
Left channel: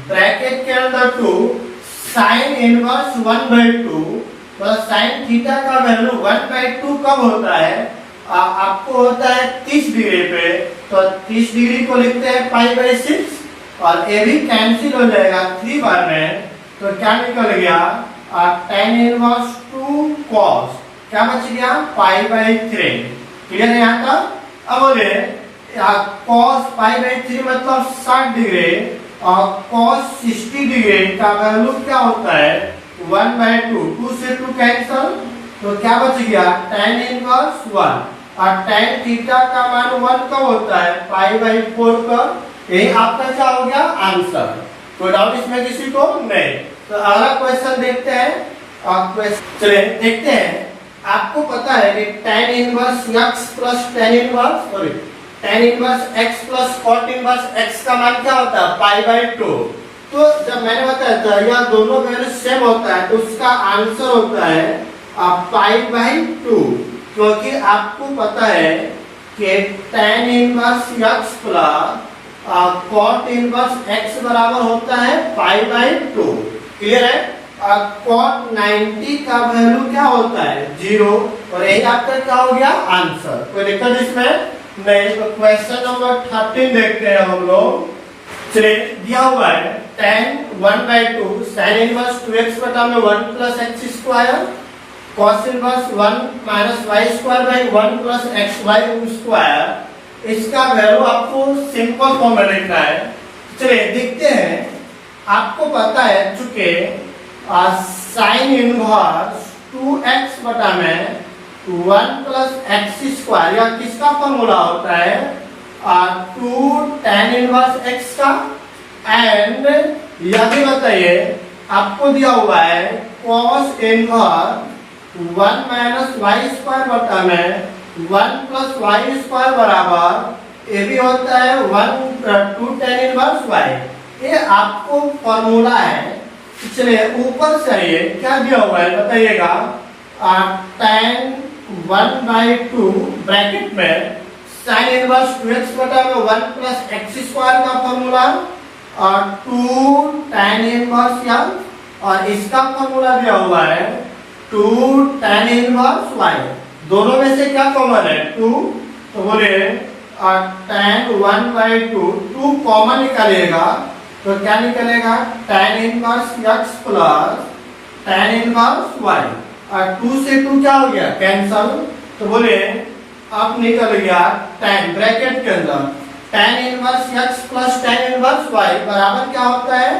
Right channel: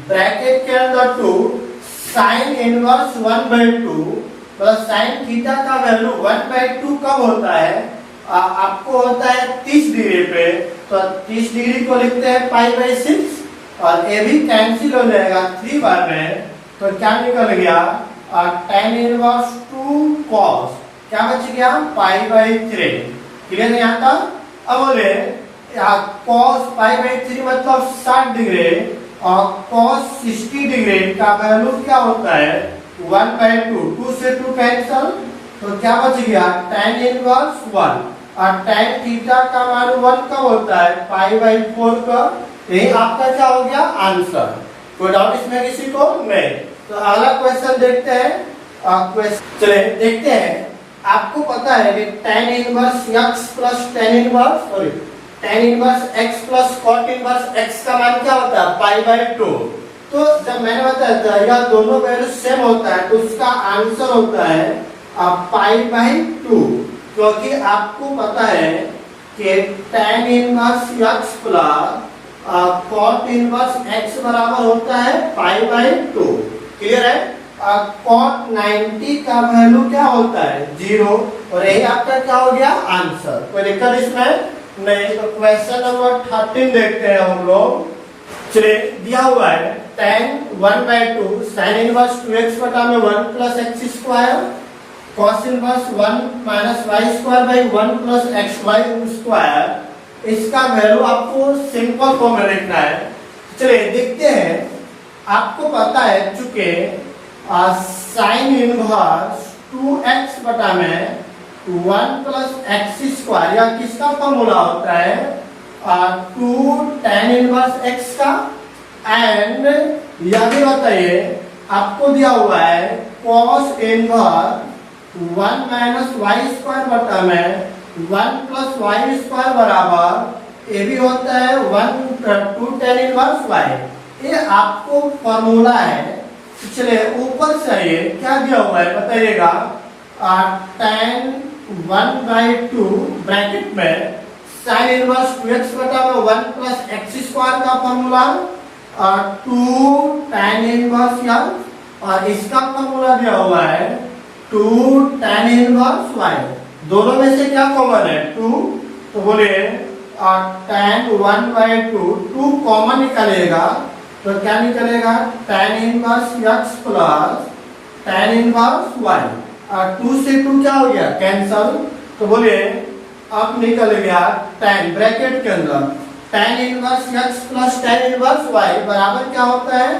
ब्रैकेट के अंदर 2 sin inverse 1/2 plus sign theta का वैल्यू 1/2 कब होता है, आपको होता है 30 डिग्री पे, तो 30 डिग्री को लिखते हैं π/6 और ये भी कैंसिल हो जाएगा 3 बार में, तो क्या निकल गया tan इनवर्स 2 cos, क्या बच गया π/3। क्लियर है यहाँ तक? अब बोले cos π/3 मतलब 60 डिग्री और cos 60 डिग्री का वैल्यू क्या होता है 1/2, 2 से 2 कैंसल, तो क्या बच गया tan इनवर्स 1, और tan थीटा का मान 1 का होता है π/4 का। यही आपका क्या हो गया आंसर। कोई डाउट इसमें किसी को नहीं? तो अगला क्वेश्चन देखते हैं। चलिए देखते हैं। आपको पता है कि tan inverse x plus tan inverse x plus cot inverse x का मान क्या होता है π/2। तो जब मैंने बताया था यह दोनों वैल्यू सेम होता है तो उसका आंसर होता है π/2, क्योंकि आपको पता है कि tan inverse x plus cot inverse x बराबर होता है π/2। क्लियर है? cot 90 का वैल्यू क्या होता है 0, और यही आपका क्या हो गया आंसर। तो लिखकर इसमें नहीं। तो क्वेश्चन नंबर 13 देखते हैं हम लोग। चलिए दिया हुआ है tan 1/2 sin इनवर्स 2x बटा में 1 plus x square cos inverse 1 minus y square by 1 plus x y square. इसका वैल्यू आपको सिंपल फॉर्म में लिखना है। चलिए देखते हैं। आपको पता है चूंकि sin इनवर्स 2x बटा में 1 प्लस एक्स स्क्वायर, या किसका फॉर्मूला होता है 2 tan इनवर्स x का, एंड यह भी बताइए आपको दिया हुआ है cos inverse 1 minus y square बटा में 1 प्लस वाई स्क्वायर बराबर ये भी होता है 2 tan इनवर्स y। ये आपको फॉर्मूला है। चलिए ऊपर से ये क्या दिया हुआ है बताइएगा। tan 1/2 ब्रैकेट में sin इनवर्स 2x बटा में 1 प्लस एक्स स्क्वायर का फॉर्मूला, और 2 tan इनवर्स y, और इसका फॉर्मूला दिया हुआ है 2 tan इनवर्स y। दोनों में से क्या कॉमन है 2, तो बोले tan 1/2 2 कॉमन निकालेगा तो क्या निकलेगा tan inverse x plus tan inverse y, और 2 से 2 क्या हो गया कैंसल, तो बोले अब निकल गया tan ब्रैकेट के अंदर tan inverse x plus tan inverse y बराबर क्या होता है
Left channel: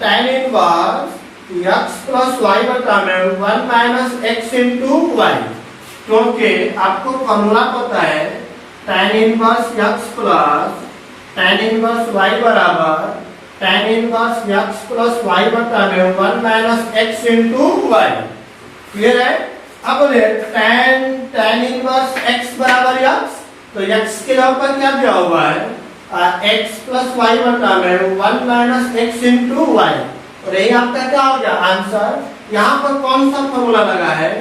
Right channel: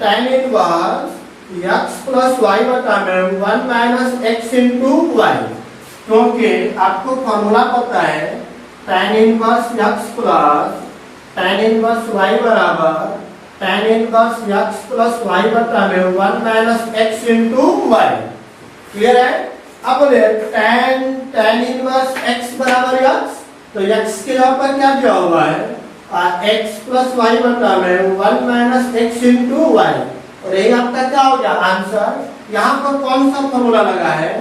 tan inverse x plus y बटा में 1 माइनस एक्स इंटू वाई, क्योंकि आपको फॉर्मूला पता है tan inverse x plus tan inverse y बराबर tan inverse x plus y बटा में 1 minus x into y. Clear है? अब बोले tan इनवर्स x बराबर x, तो x के जगह पर क्या दिया हुआ है x प्लस वाई बटा में 1 माइनस एक्स इंटू वाई, और यही आपका क्या हो गया आंसर। यहाँ पर कौन सा फॉर्मूला लगा है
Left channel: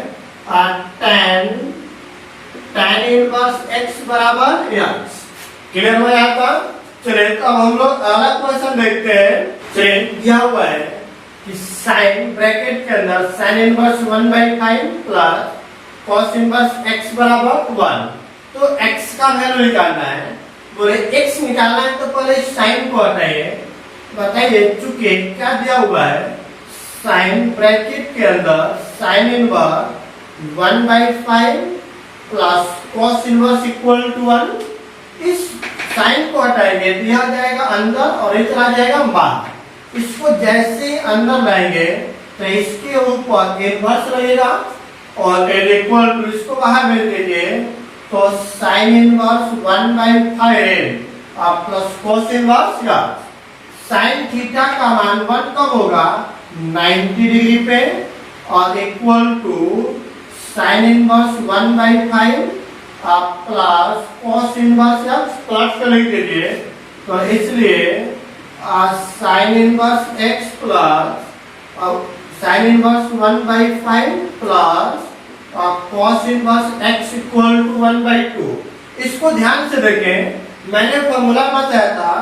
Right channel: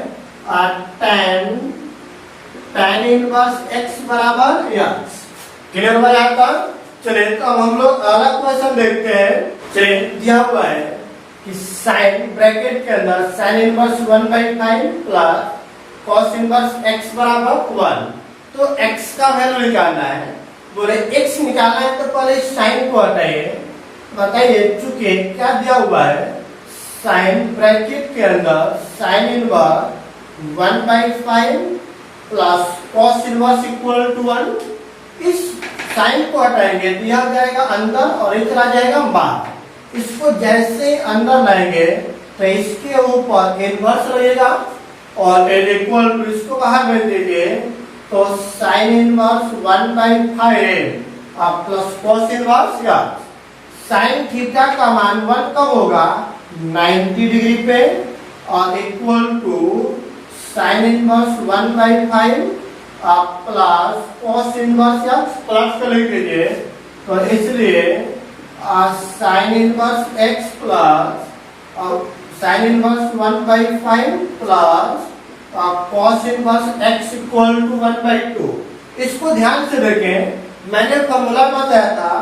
tan इनवर्स x बराबर x। क्लियर हुआ यहाँ का? चलिए तो अब हम लोग अगला क्वेश्चन देखते हैं। चलिए दिया हुआ है कि साइन ब्रैकेट के अंदर sine inverse 1/5 plus cos inverse x बराबर 1, तो x का वैल्यू निकालना है। बोले x निकालना है तो पहले साइन को हटाइए, बताइए चूंकि क्या दिया हुआ है साइन ब्रैकेट के अंदर sine inverse 1/5 plus cos inverse equal to 1, इस साइन को हटाएंगे तो यह जाएगा अंदर और इधर आ जाएगा बाहर। इसको जैसे अंदर लाएंगे तो इसके ऊपर इनवर्स लगेगा और इक्वल टू इसको बाहर भेज दीजिए तो sine inverse 1/5 plus cos inverse या साइन थीटा का मान 1 कब होगा 90 डिग्री पे और equal to sine inverse 1/5 plus cos inverse x plus कर लिख दीजिए, तो इसलिए sine inverse x plus sine inverse 1/5 plus cos inverse x equal to 1/2। इसको ध्यान से देखें, मैंने फॉर्मूला बताया था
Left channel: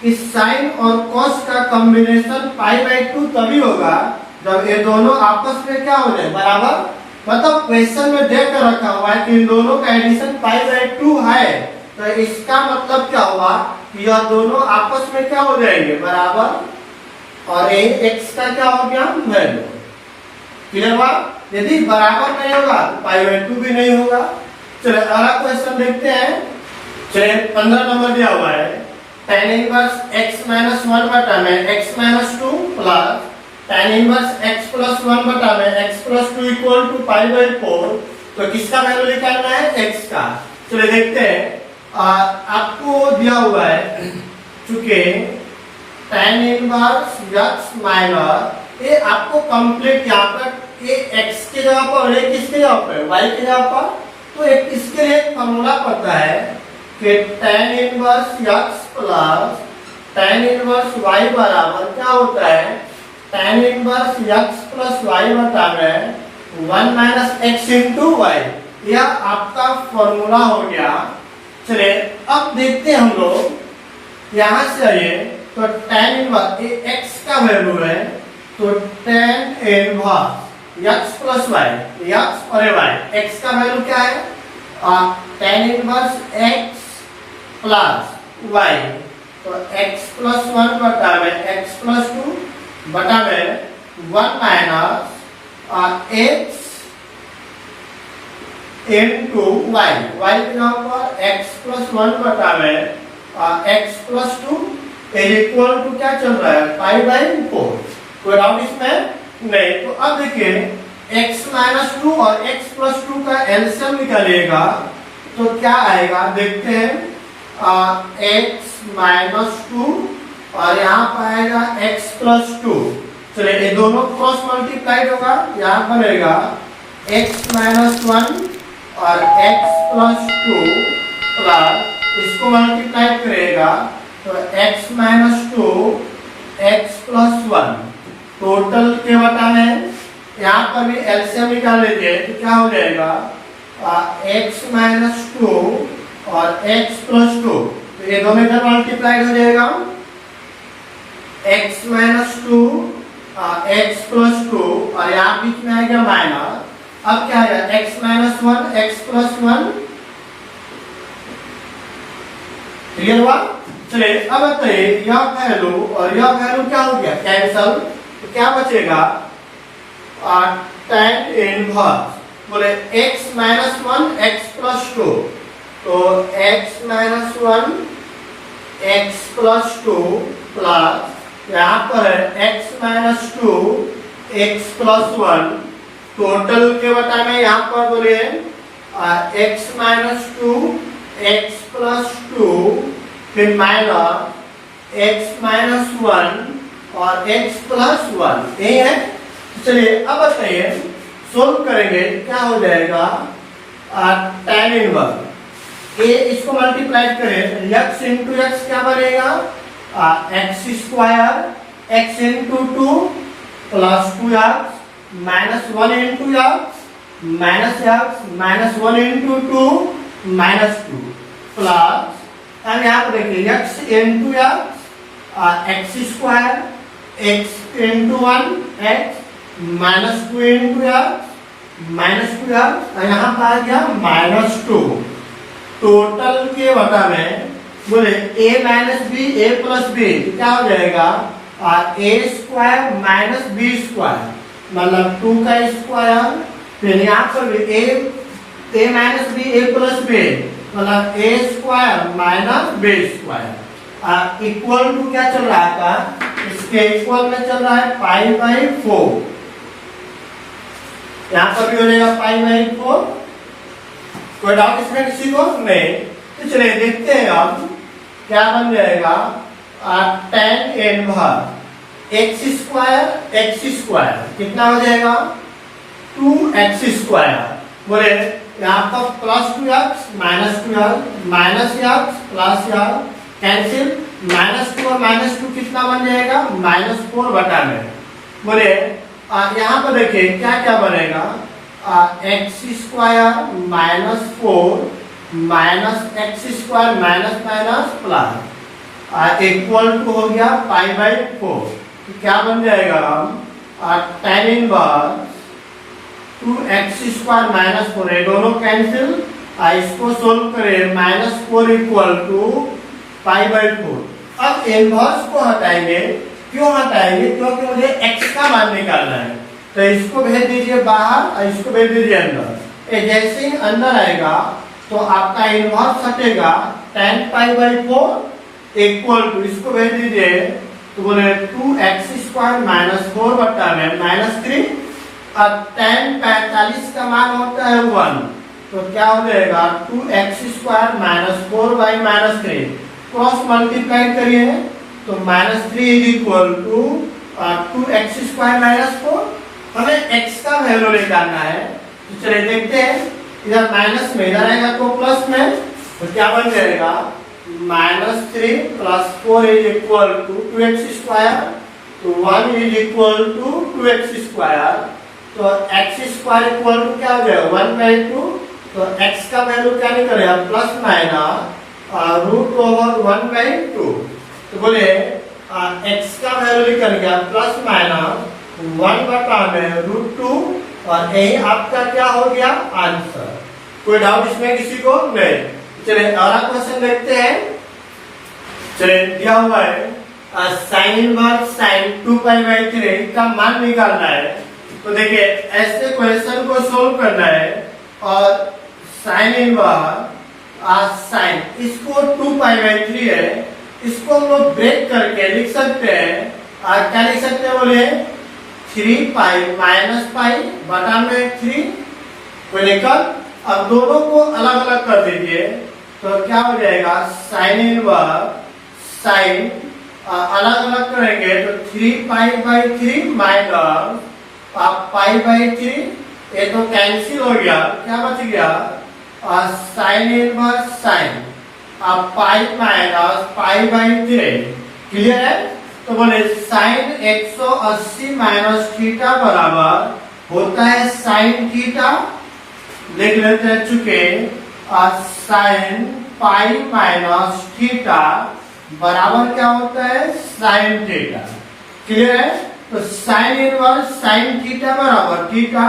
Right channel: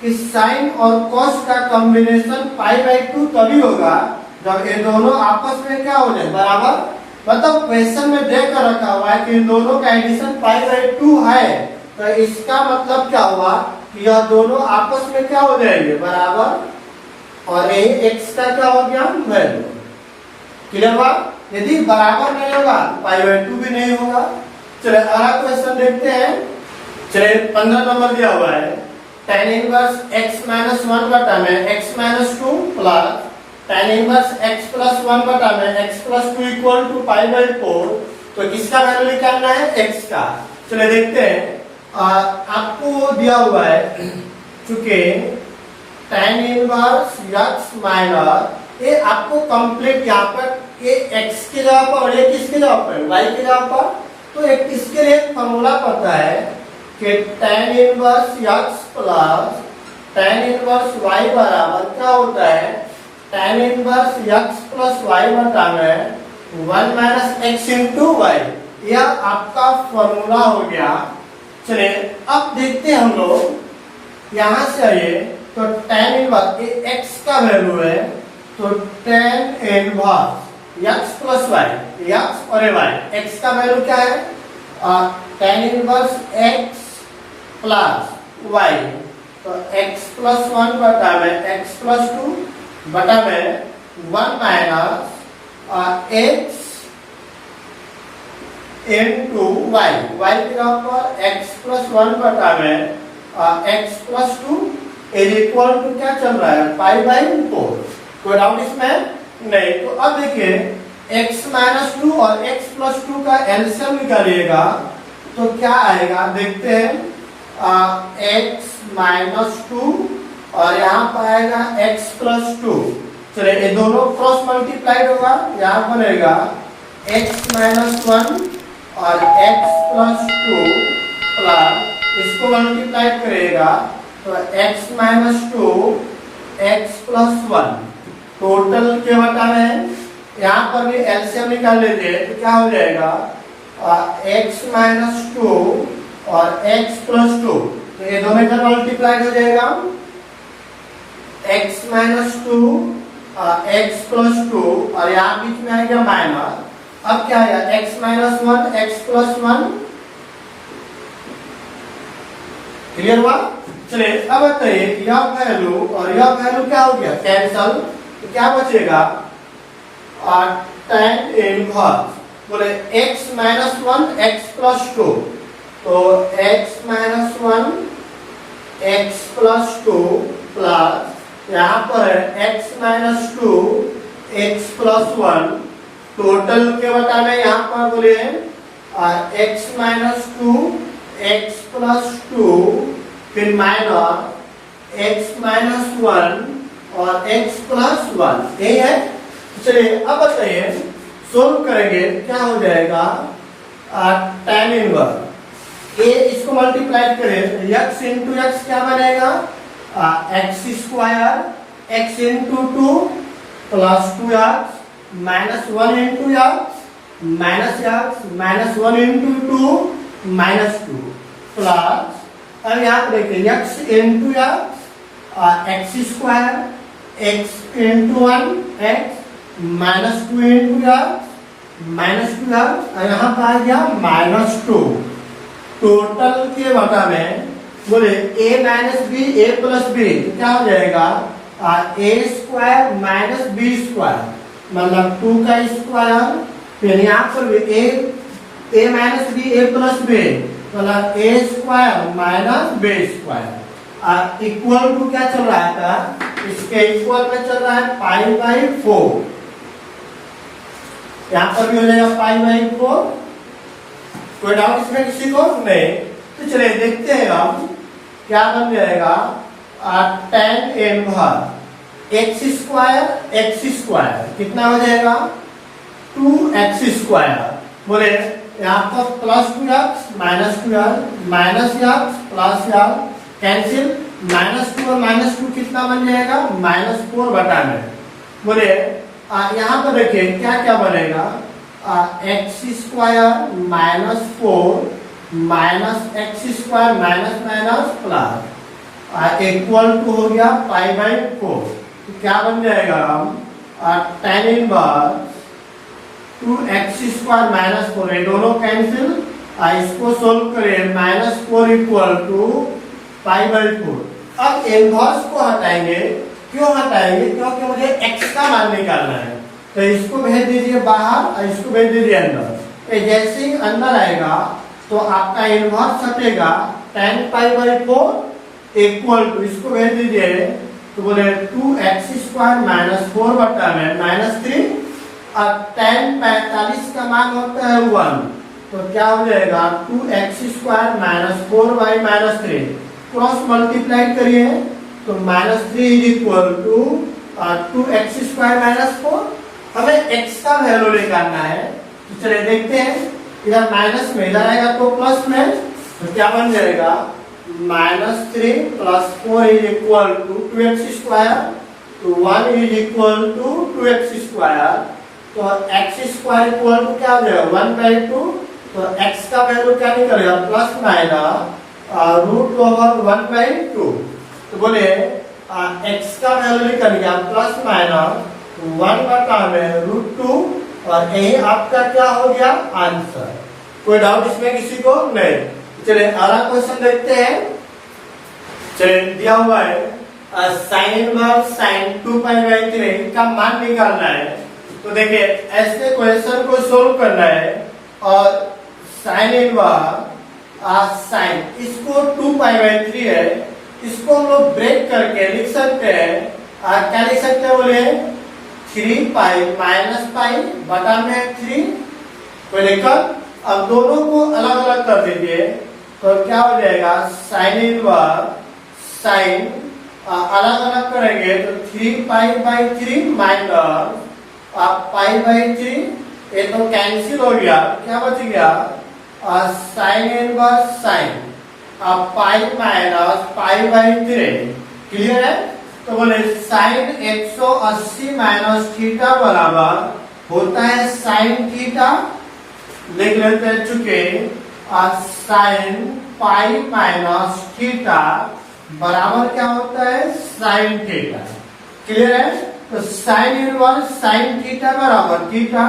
कि साइन और कॉस का कॉम्बिनेशन π/2 तभी होगा जब ये दोनों आपस में क्या हो जाए बराबर। मतलब क्वेश्चन में देख कर रखा हुआ है कि इन दोनों का एडिशन π/2 है, तो इसका मतलब क्या हुआ कि यह दोनों आपस में क्या हो जाएंगे बराबर, और ये x का क्या हो गया वैल्यू। क्लियर हुआ? यदि बराबर नहीं होगा π/2 भी नहीं होगा। चलिए अगला क्वेश्चन देखते हैं। चलिए 15 नंबर दिया हुआ है tan इनवर्स x माइनस 1 बटा में x minus 2 plus tan inverse x plus 1 बटा में x प्लस 2 इक्वल टू π/4, तो किसका वैल्यू निकालना है x का। चलिए देखते हैं। आपको दिया हुआ है चूंकि tan इनवर्स x माइनस ये आपको कंप्लीट यहाँ पर ये x के जगह पर ये किसके जगह पर y के जगह पर, तो एक इसके लिए एक फॉर्मूला पता है कि tan inverse x plus tan inverse y बराबर क्या होता है tan inverse x plus y बटा में 1 माइनस एक्स इंटू वाई। यह आपका फॉर्मूला हो गया। चलिए अब देखते हैं हम लोग यहाँ से आइए तो tan इनवर्स x का वैल्यू है, तो tan inverse x plus y, x और y, x का वैल्यू क्या है tan inverse x plus y, तो x प्लस 1 बटा में x प्लस 2 बटा में 1 minus x into y, y के जगह पर x प्लस 1 बटा में x plus 2 is equal to क्या चल रहा है π/4। कोई डाउट इसमें नहीं? तो अब देखिए x माइनस 2 और x प्लस 2 का एलसीएम निकालिएगा तो क्या आएगा देखते हैं। x माइनस 2 और यहाँ पर आएगा x प्लस 2। चलिए ये दोनों क्रॉस मल्टीप्लाइड होगा, यहाँ पर रहेगा x माइनस 1 और x प्लस 2 प्लस इसको मल्टीप्लाइड करेगा तो x minus 2 x plus 1 total क्या बता रहे हैं। यहाँ पर भी एलसीएम निकाल लेते हैं तो क्या हो जाएगा x माइनस 2 और x प्लस 2, तो ये दोनों इधर मल्टीप्लाइड हो जाएगा x माइनस 2 x प्लस 2 और यहाँ बीच में आएगा माइनस। अब क्या आएगा x minus 1 x plus 1। Clear हुआ? चलिए अब बताइए यह वैल्यू और यह वैल्यू क्या हो गया कैंसल, तो क्या बचेगा tan इनवर्स बोले x माइनस 1 x प्लस 2, तो x minus 1 x plus 2 plus यहाँ पर है x minus 2 x plus 1 total के बटा में यहाँ पर बोले x माइनस 2 x प्लस 2 फिर माइनस x माइनस 1 और x प्लस 1 यही है। चलिए अब बताइए सोल्व करेंगे क्या हो जाएगा tan इनवर्स ए इसको मल्टीप्लाई करें x इंटू एक्स क्या बनेगा x square x into 2 plus 2x minus 1 into x minus 1 into 2 minus 2 plus अब यहाँ पर देखिए x into x square x into 1 x minus 2 into x minus 2 x और यहाँ पर आ गया माइनस 2 टोटल के बटा में बोले a minus b a plus b क्या हो जाएगा a square minus b square मतलब 2 का स्क्वायर फिर यहाँ पर भी a minus b a plus b मतलब a square minus b square equal to क्या चल रहा था इसके इक्वल में चल रहा है पाई बाई 4 यहाँ पर भी हो जाएगा पाई बाई 4 कोई डाउट इसमें किसी को नहीं। तो चलिए देखते हैं अब क्या बन जाएगा tan इनवर्स एक्स स्क्वायर कितना हो जाएगा 2x स्क्वायर बोले यहाँ पर plus 2x minus 2x minus x plus x cancel minus 2 और माइनस 2 कितना बन जाएगा माइनस 4 बटा में बोले यहाँ पर देखिए क्या क्या बनेगा x square minus 4 minus x square minus minus plus equal to हो गया पाई बाई 4 क्या बन जाएगा tan inverse 2x square minus 4 ये दोनों कैंसिल इसको सोल्व करें minus 4 equal to pi by 4। अब इनवर्स को हटाएंगे क्यों हटाएंगे क्योंकि मुझे x का मान निकालना है तो इसको भेज दीजिए बाहर और इसको भेज दीजिए अंदर ये जैसे ही अंदर आएगा तो आपका इनवर्स हटेगा tan pi by 4 equal to इसको भेज दीजिए तो बोले 2x स्क्वायर माइनस 4 बटा में माइनस 3 और tan 45 का मान होता है 1 तो क्या हो जाएगा 2x square minus 4 by minus 3 cross multiply करिए तो minus 3 is equal to 2x square minus 4 हमें x का वैल्यू निकालना है तो चलिए देखते हैं इधर माइनस में इधर आएगा तो प्लस में तो क्या बन जाएगा minus 3 plus 4 is equal to 2x square तो 1 is equal to 2x square तो x स्क्वायर इक्वल टू क्या हो जाएगा 1 बाई 2 तो x का वैल्यू क्या निकलेगा plus minus root over 1 by 2 तो बोले x का वैल्यू निकल गया प्लस माइनस 1 बटा में रूट 2 और यही आपका क्या हो गया आंसर। कोई डाउट इसमें किसी को नहीं। चलिए अगला क्वेश्चन देखते हैं। चलिए दिया हुआ है sine inverse sine 2 pi by 3 का मान निकालना है तो देखिए ऐसे क्वेश्चन को सोल्व करना है और साइन इनवर्स साइन इसको 2 पाई बाई 3 है इसको हम लोग ब्रेक करके लिख सकते हैं क्या लिख सकते हैं बोले 3 पाई माइनस पाई बटा में 3 को लेकर अब दोनों को अलग अलग कर दीजिए तो क्या हो जाएगा साइन इनवर्स साइन अलग अलग करेंगे तो 3 pi by 3 minus pi by 3 ये तो कैंसिल हो गया क्या बच गया sine inverse sine pi minus pi by 3 clear है। तो बोले साइन 180 माइनस थीटा बराबर होता है साइन थीटा लिख लेते हैं चुके साइन पाई माइनस थीटा बराबर क्या होता है साइन थीटा क्लियर है। तो साइन इनवर्स साइन थीटा बराबर थीटा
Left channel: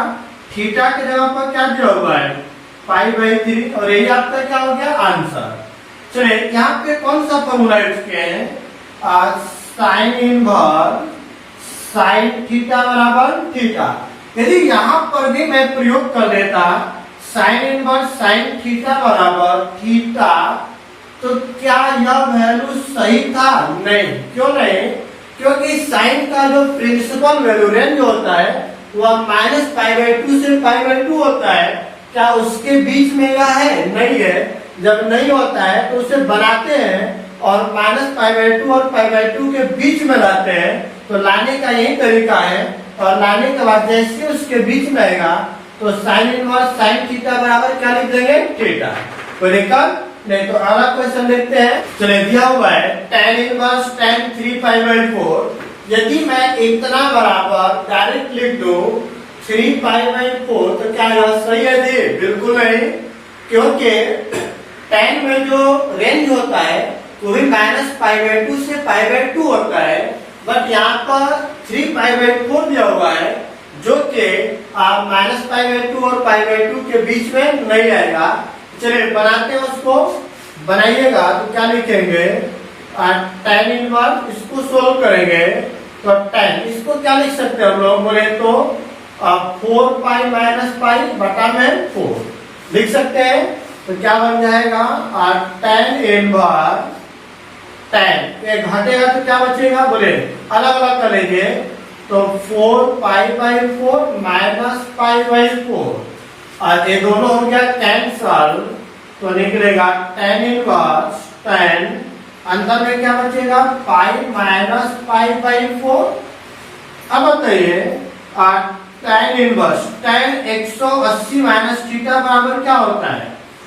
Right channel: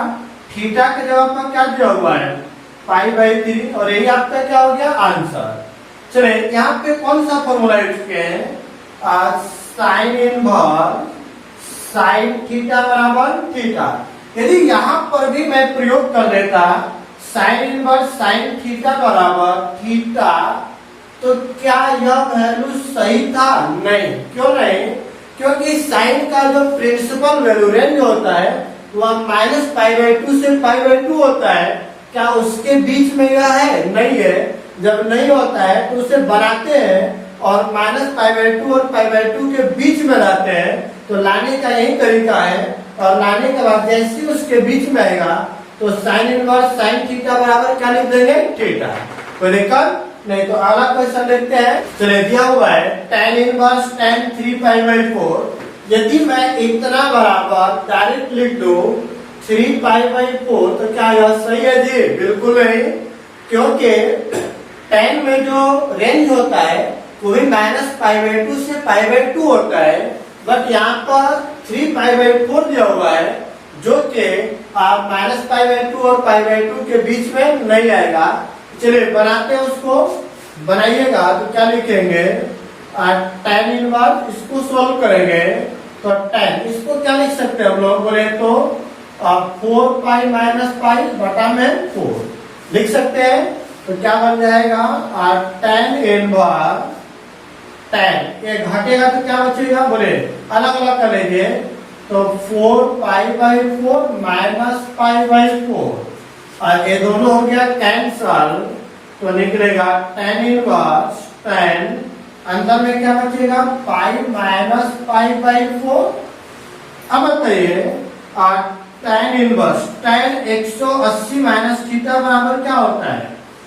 थीटा के जगह पर क्या दिया हुआ है पाई बाई 3 और यही आपका क्या हो गया आंसर। चलिए यहाँ पे कौन सा फॉर्मूला यूज किए हैं साइन इनवर्स साइन थीटा बराबर थीटा यदि यहाँ पर भी मैं प्रयोग कर देता साइन इनवर्स साइन थीटा बराबर थीटा तो क्या यह वैल्यू सही था नहीं क्यों नहीं क्योंकि साइन का जो प्रिंसिपल वैल्यू रेंज होता है वह -π/2 से π/2 होता है। क्या उसके बीच में यह है? नहीं है। जब नहीं होता है तो उसे बनाते हैं और -π/2 और π/2 के बीच में लाते हैं। तो लाने का यही तरीका है, और लाने के बाद जैसे उसके बीच में आएगा तो साइन इनवर्स साइन थीटा बराबर क्या लिख देंगे? थीटा। तो लेकर नहीं तो अगला क्वेश्चन देखते हैं। चलिए दिया हुआ है tan इनवर्स tan 3π/4। यदि मैं इतना बराबर डायरेक्ट लिख दूं 3π/4 तो क्या यह सही है जी? बिल्कुल नहीं, क्योंकि tan में जो रेंज होता है वो भी -π/2 से π/2 होता है, बट यहाँ पर 3π/4 दिया हुआ है जो कि आप -π/2 और π/2 के बीच में नहीं आएगा। चलिए बनाते हैं उसको। बनाइएगा तो क्या लिखेंगे? tan इनवर्स, इसको सोल्व करेंगे तो tan, इसको क्या लिख सकते हैं हम लोग बोले तो 4π - π बटा में 4 लिख सकते हैं। तो क्या बन जाएगा? tan इनवर्स tan, ये घटेगा तो क्या बचेगा? बोले अलग अलग कर लीजिए। तो 4π/4 - π/4 और ये दोनों हो गया कैंसल, तो निकलेगा tan इनवर्स tan, अंदर में क्या बचेगा? π - π/4। अब बताइए tan inverse tan 180 minus theta बराबर क्या होता है?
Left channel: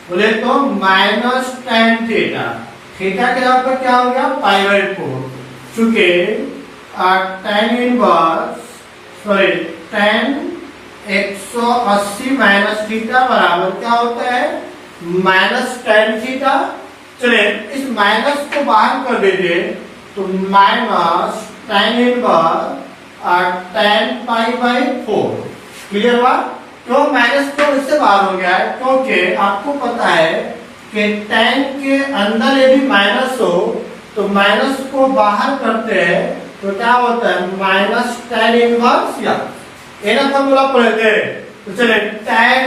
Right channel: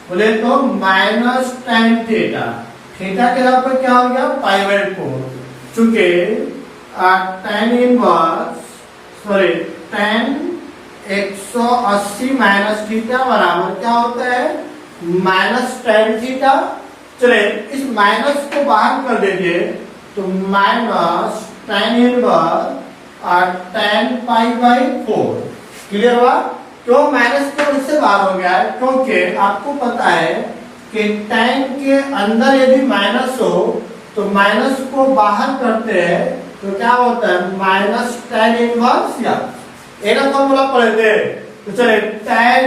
बोले तो -tan थीटा। थीटा के जगह पर क्या हो गया? π/4। चूंकि tan tan 180 माइनस थीटा बराबर क्या होता है? -tan theta. चलिए इस माइनस को बाहर कर दीजिए तो tan इनवर्स tan π/4। क्लियर हुआ? क्यों माइनस तो इससे बाहर हो गया है? क्योंकि आपको पता है कि tan के अंदर यदि माइनस हो तो माइनस को बाहर करते हैं तो क्या होता है? tan इनवर्स या ना फॉर्मूला पढ़े थे। तो चले tan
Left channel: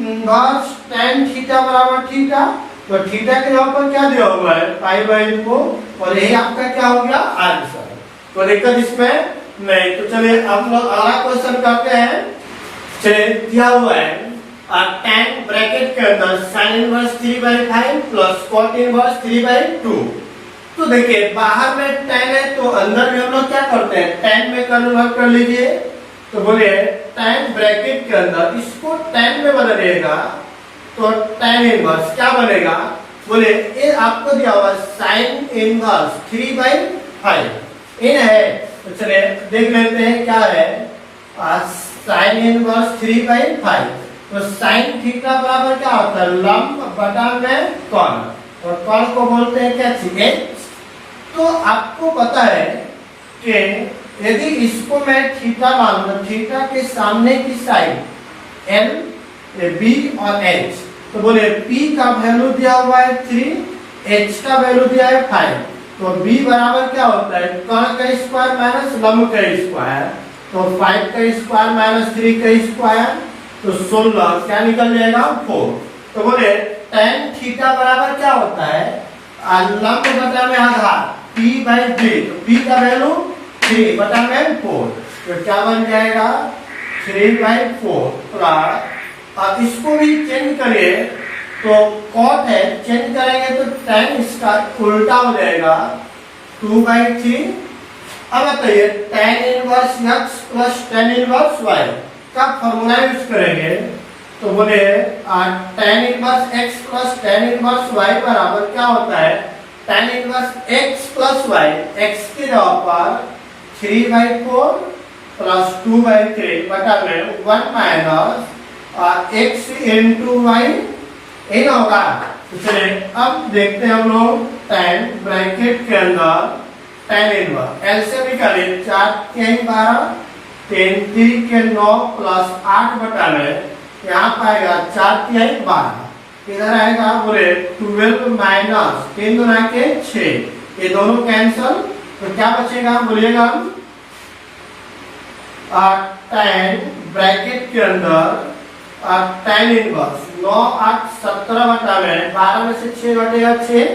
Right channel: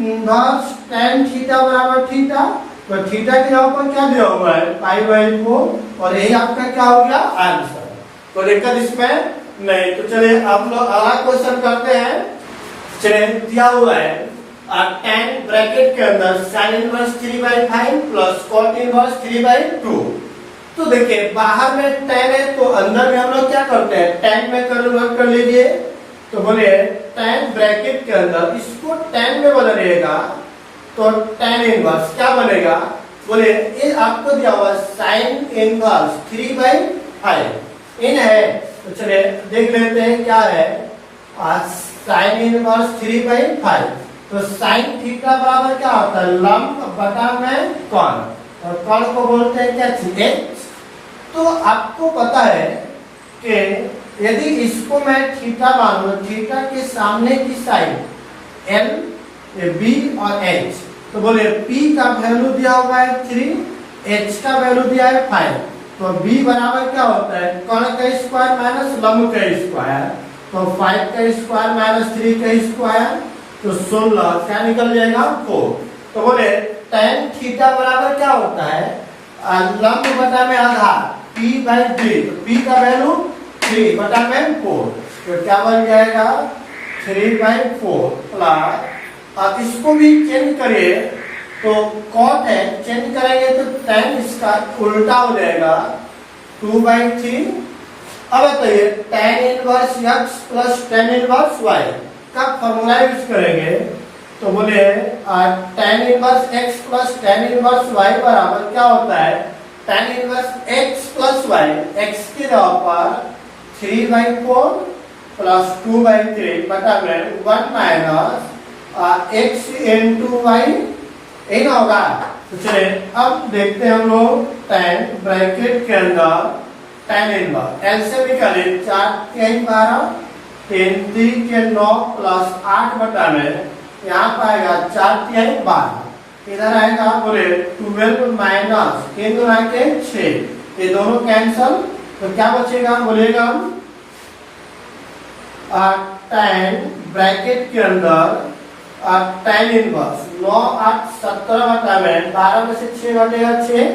इनवर्स tan थीटा बराबर थीटा, तो थीटा के जगह पर क्या दिया हुआ है? π/4, और यही आपका क्या हो गया? आंसर। तो लेकर इसमें नहीं। तो चलिए अब लोग अगला क्वेश्चन करते हैं। चलिए दिया हुआ है tan ब्रैकेट के अंदर sin inverse 3/5 plus cot inverse 3/2। तो देखिए बाहर में tan है तो अंदर में हम लोग क्या करते हैं? tan में कन्वर्ट कर लीजिए। तो बोले tan ब्रैकेट के अंदर इसको tan में बदलिएगा तो tan इनवर्स क्या बनेगा? बोले ये आपको दिया हुआ sin इनवर्स 3/5 इन है। तो चलिए देख लेते हैं क्या है। sin इनवर्स 3/5, तो sin थीटा बराबर क्या होता है? लंब बटा में कॉन, और कॉन को बोलते हैं क्या? h। तो आपको पता है कि यदि इसको मैं थीटा मान लूं, थीटा के सामने की साइड L, B और H, तो बोले P का वैल्यू दिया हुआ है 3, H का वैल्यू दिया है 5, तो B बराबर क्या होता है? कर्ण का स्क्वायर माइनस लंब का स्क्वायर, तो 5 का स्क्वायर माइनस 3 का स्क्वायर, तो 16 क्या निकल जाएगा? 4। तो बोले tan थीटा बराबर क्या होता है? लंब बटा में आधार P/3, तो P का वैल्यू 3 बटा में 4, तो क्या बन जाएगा? 3/4 प्लस, अब इसको भी चेंज करिए तो cot है, चेंज करेंगे तो tan इसका उल्टा हो जाएगा 2/3। अब बताइए tan inverse x plus tan inverse y का फॉर्मूला यूज करेंगे तो बोले tan inverse x plus tan inverse y बराबर क्या होता है? tan inverse x plus y, x की जगह पर 3/4 प्लस 2/3 बटा में 1 माइनस x into y इन होगा। तो चलिए अब देखते हैं हम लोग tan ब्रैकेट के अंदर tan इनवर्स L से निकाले 4 के 12, 3 के 9 प्लस 8 बटा में यहाँ पाएगा 4 के 12, इधर आएगा बोले 12 माइनस 3 2 के 6, ये दोनों कैंसल, तो क्या बचेगा? बोलेगा tan ब्रैकेट के अंदर tan इनवर्स 9 8 17 बटा में 12 में से 6 घटेगा 6,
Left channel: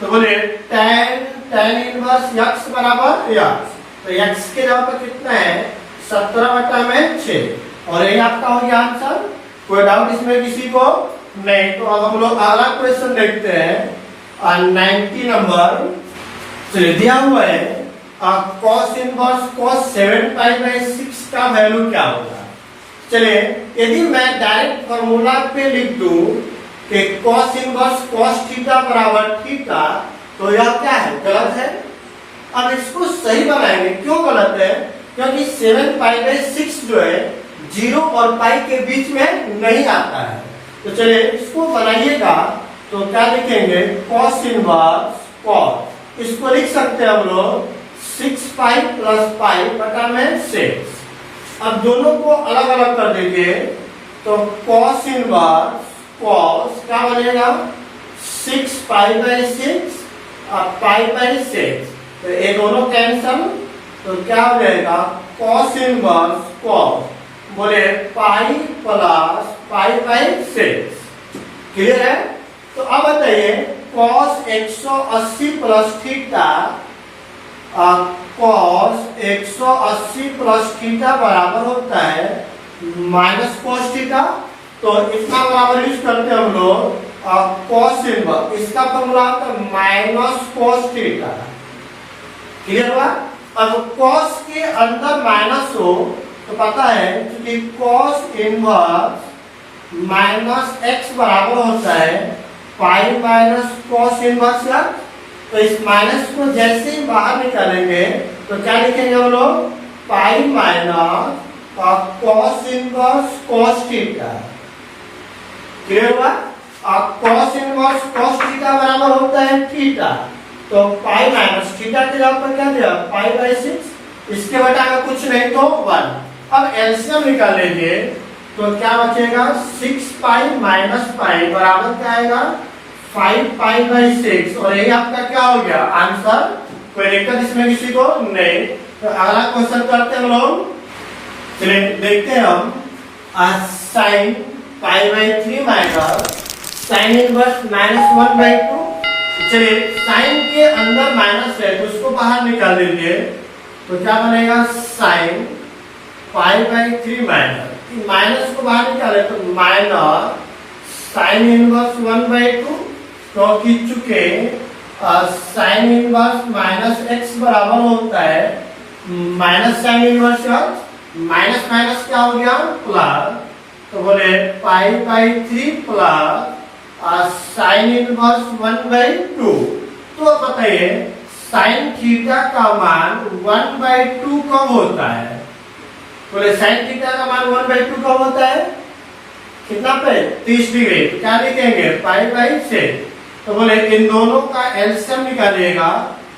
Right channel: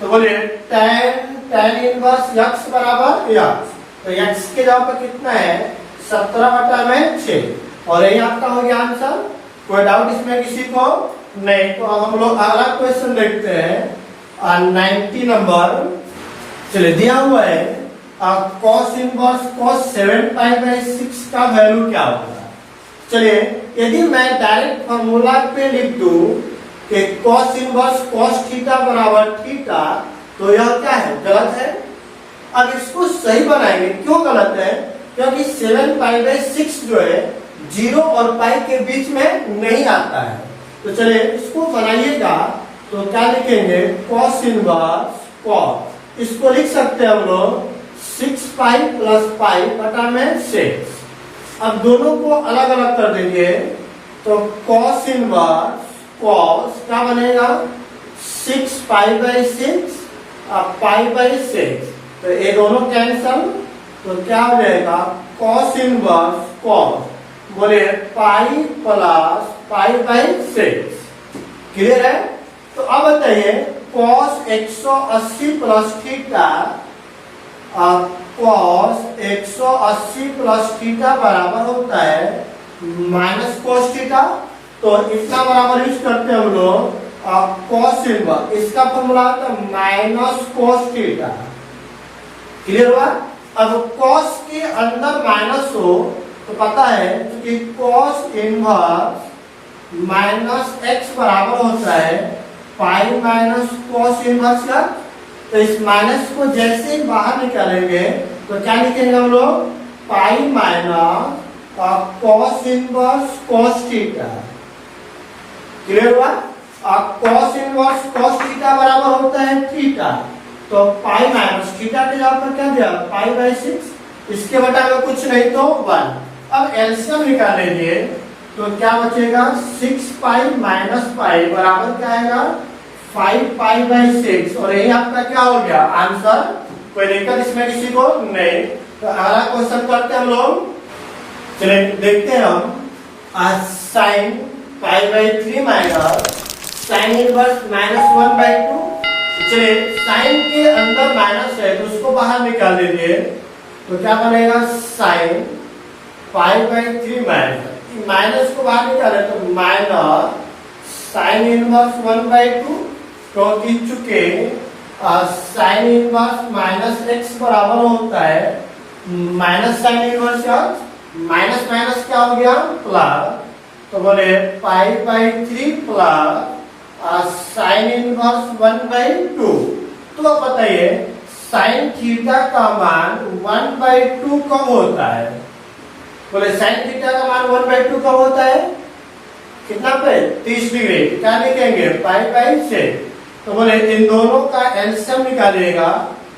तो बोले tan इनवर्स x बराबर x, तो x के जगह पर कितना है 17/6 और यही आपका हो गया आंसर। कोई डाउट इसमें किसी को नहीं? तो अब हम लोग अगला क्वेश्चन देखते हैं 90 नंबर। चलिए दिया हुआ है cos इनवर्स cos 7π/6 का वैल्यू क्या होगा। चलिए यदि मैं डायरेक्ट फॉर्मूला पे लिख दूं कि cos इनवर्स cos थीटा बराबर थीटा, तो यह क्या है? गलत है। अब इसको सही बनाएंगे। क्यों गलत है? क्योंकि 7π/6 जो है 0 और पाई के बीच में नहीं आता है। तो चलिए इसको बनाइएगा तो क्या लिखेंगे cos इनवर्स cos, इसको लिख सकते हैं हम लोग 6π + π/6। अब दोनों को अलग अलग कर देंगे तो cos इनवर्स cos क्या बनेगा 6π/6 और π/6, तो ये दोनों कैंसल, तो क्या हो जाएगा cos इनवर्स cos बोले पाई प्लस π/6। क्लियर है? तो अब बताइए cos 180 plus theta cos 180 plus theta बराबर होता है माइनस cos थीटा। तो इसका बराबर यूज करते हैं हम लोग cos इनवर्स, इसका फॉर्मूला होता है माइनस cos थीटा। क्लियर हुआ? अब cos के अंदर माइनस हो तो पता है कि cos इनवर्स माइनस x बराबर होता है पाई माइनस cos इनवर्स का। तो इस माइनस को जैसे ही बाहर निकालेंगे तो क्या लिखेंगे हम लोग pi minus cos inverse cos theta. Clear हुआ? अब cos इनवर्स cos थीटा बराबर होता है थीटा, तो पाई माइनस थीटा के जगह पर क्या दिया π/6, इसके बटा में कुछ नहीं तो 1। अब एलसीएम निकाल लीजिए तो क्या बचेगा 6π - π बराबर क्या आएगा 5π/6 और यही आपका क्या हो गया आंसर। कोई दिक्कत इसमें किसी को नहीं? तो अगला क्वेश्चन करते हैं हम लोग। चलिए देखते हैं हम sin π/3 माइनस sin इनवर्स -1/2। चलिए साइन के अंदर माइनस है तो उसको बाहर निकाल लीजिए तो क्या बनेगा sin π/3 माइनस को बाहर निकाले तो माइनस sin इनवर्स 1/2, क्योंकि चुके sin इनवर्स -x बराबर होता है माइनस sin इनवर्स का माइनस माइनस क्या हो गया प्लस, तो बोले π/3 प्लस sin इनवर्स 1/2। तो बताइए sin थीटा का मान 1/2 कब होता है? बोले sin थीटा का मान 1/2 कब होता है? कितना पे 30 डिग्री। क्या लिखेंगे π/6। तो बोले इन दोनों का एलसीएम निकालिएगा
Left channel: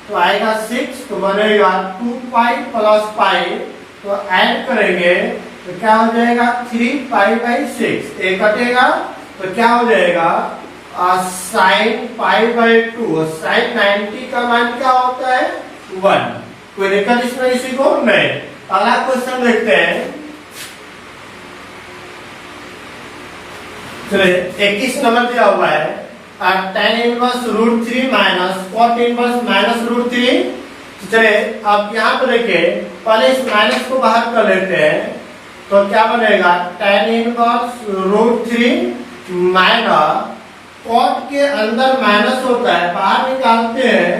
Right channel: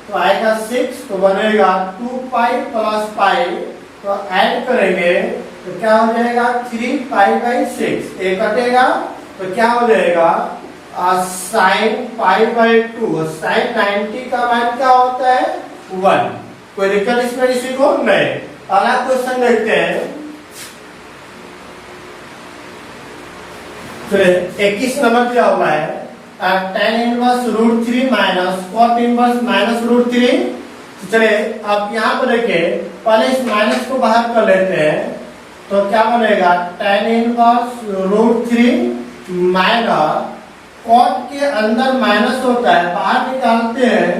तो आएगा 6, तो बनेगा 2π + π, तो ऐड करेंगे तो क्या हो जाएगा 3π/6। एक कटेगा तो क्या हो जाएगा sin π/2। sin 90 का मान क्या होता है 1। कोई दिक्कत इसमें किसी को नहीं? अगला क्वेश्चन देखते हैं। चलिए 21 नंबर दिया हुआ है tan inverse √3 minus cot inverse -√3। चलिए अब यहाँ पर देखिए पहले इस माइनस को बाहर कर लेते हैं तो क्या बनेगा tan इनवर्स √3 माइनस cot के अंदर माइनस होता है बाहर निकालते हैं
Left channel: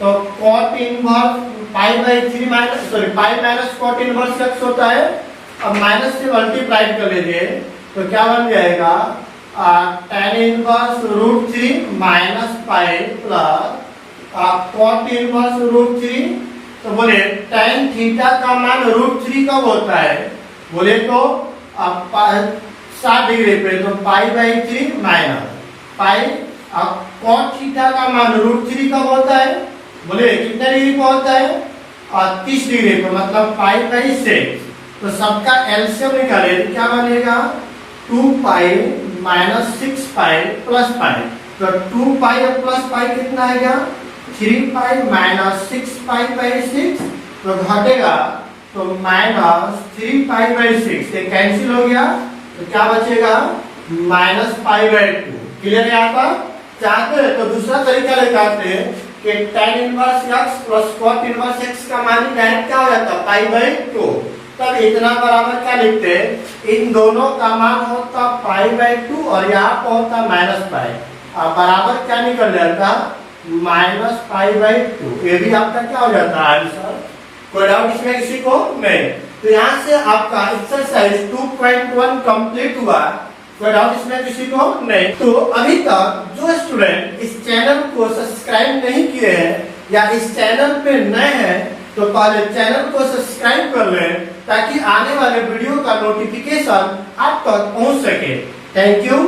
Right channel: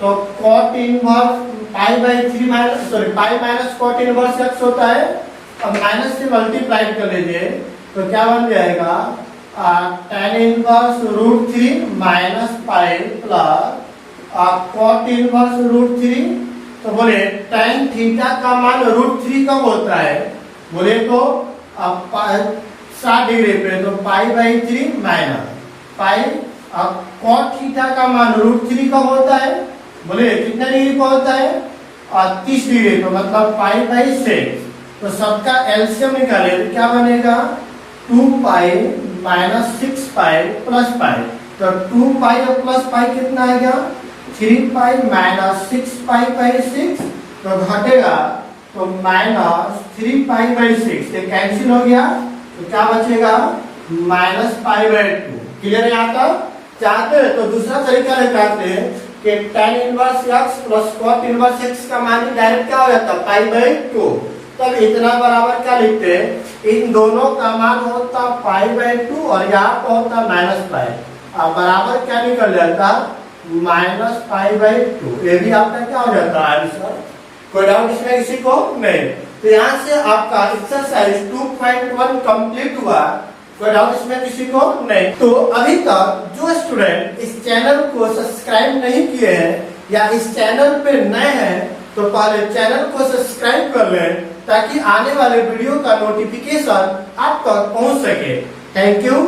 तो cot inverse π/3 minus pi minus cot inverse x होता है। अब माइनस से मल्टीप्लाई कर लीजिए तो क्या बन जाएगा tan inverse √3 minus pi plus cot inverse √3। तो बोले tan थीटा का मान √3 कब होता है? बोले तो 60 डिग्री पे तो π/3 माइनस पाई। अब cot थीटा का मान √3 कब होता है? बोले कितना डिग्री पर होता है 30 डिग्री पर, मतलब π/6। तो सबका एलसीएम निकाले तो क्या बनेगा 2π - 6π + π। तो 2π और प्लस π कितना आएगा 3π - 6π/6, तो घटेगा तो -3π/6 ये कैंसिल हो गया तो क्या बचेगा -π/2। क्लियर है? यहाँ पर चाहते हैं तो दूसरा तरीका निकालते हैं कि tan inverse x plus cot inverse x का मान डायरेक्ट क्या हो जाता है पाई बाई 2। तब इतना बराबर क्या लिखते हैं, इन दोनों का मान होता पाई बाई 2 और यहाँ पर होता माइनस पाई। अब बराबर क्या निकल जाता माइनस पाई बाई 2। ये भी आपका क्या हो जाता है आंसर। कोई डाउट इसमें किसी को नहीं। तो यहाँ से आपका एक्सरसाइज 2.1 कंप्लीट हुआ। कोई डाउट इसमें किसी को नहीं। तो अभी तक जो स्टूडेंट इस चैनल को सब्सक्राइब नहीं किए हैं या इस चैनल पे नए हैं तो पहले चैनल को सब्सक्राइब कर लें ताकि आने वाले वीडियो का नोटिफिकेशन आप तक पहुंच सके। Thank you.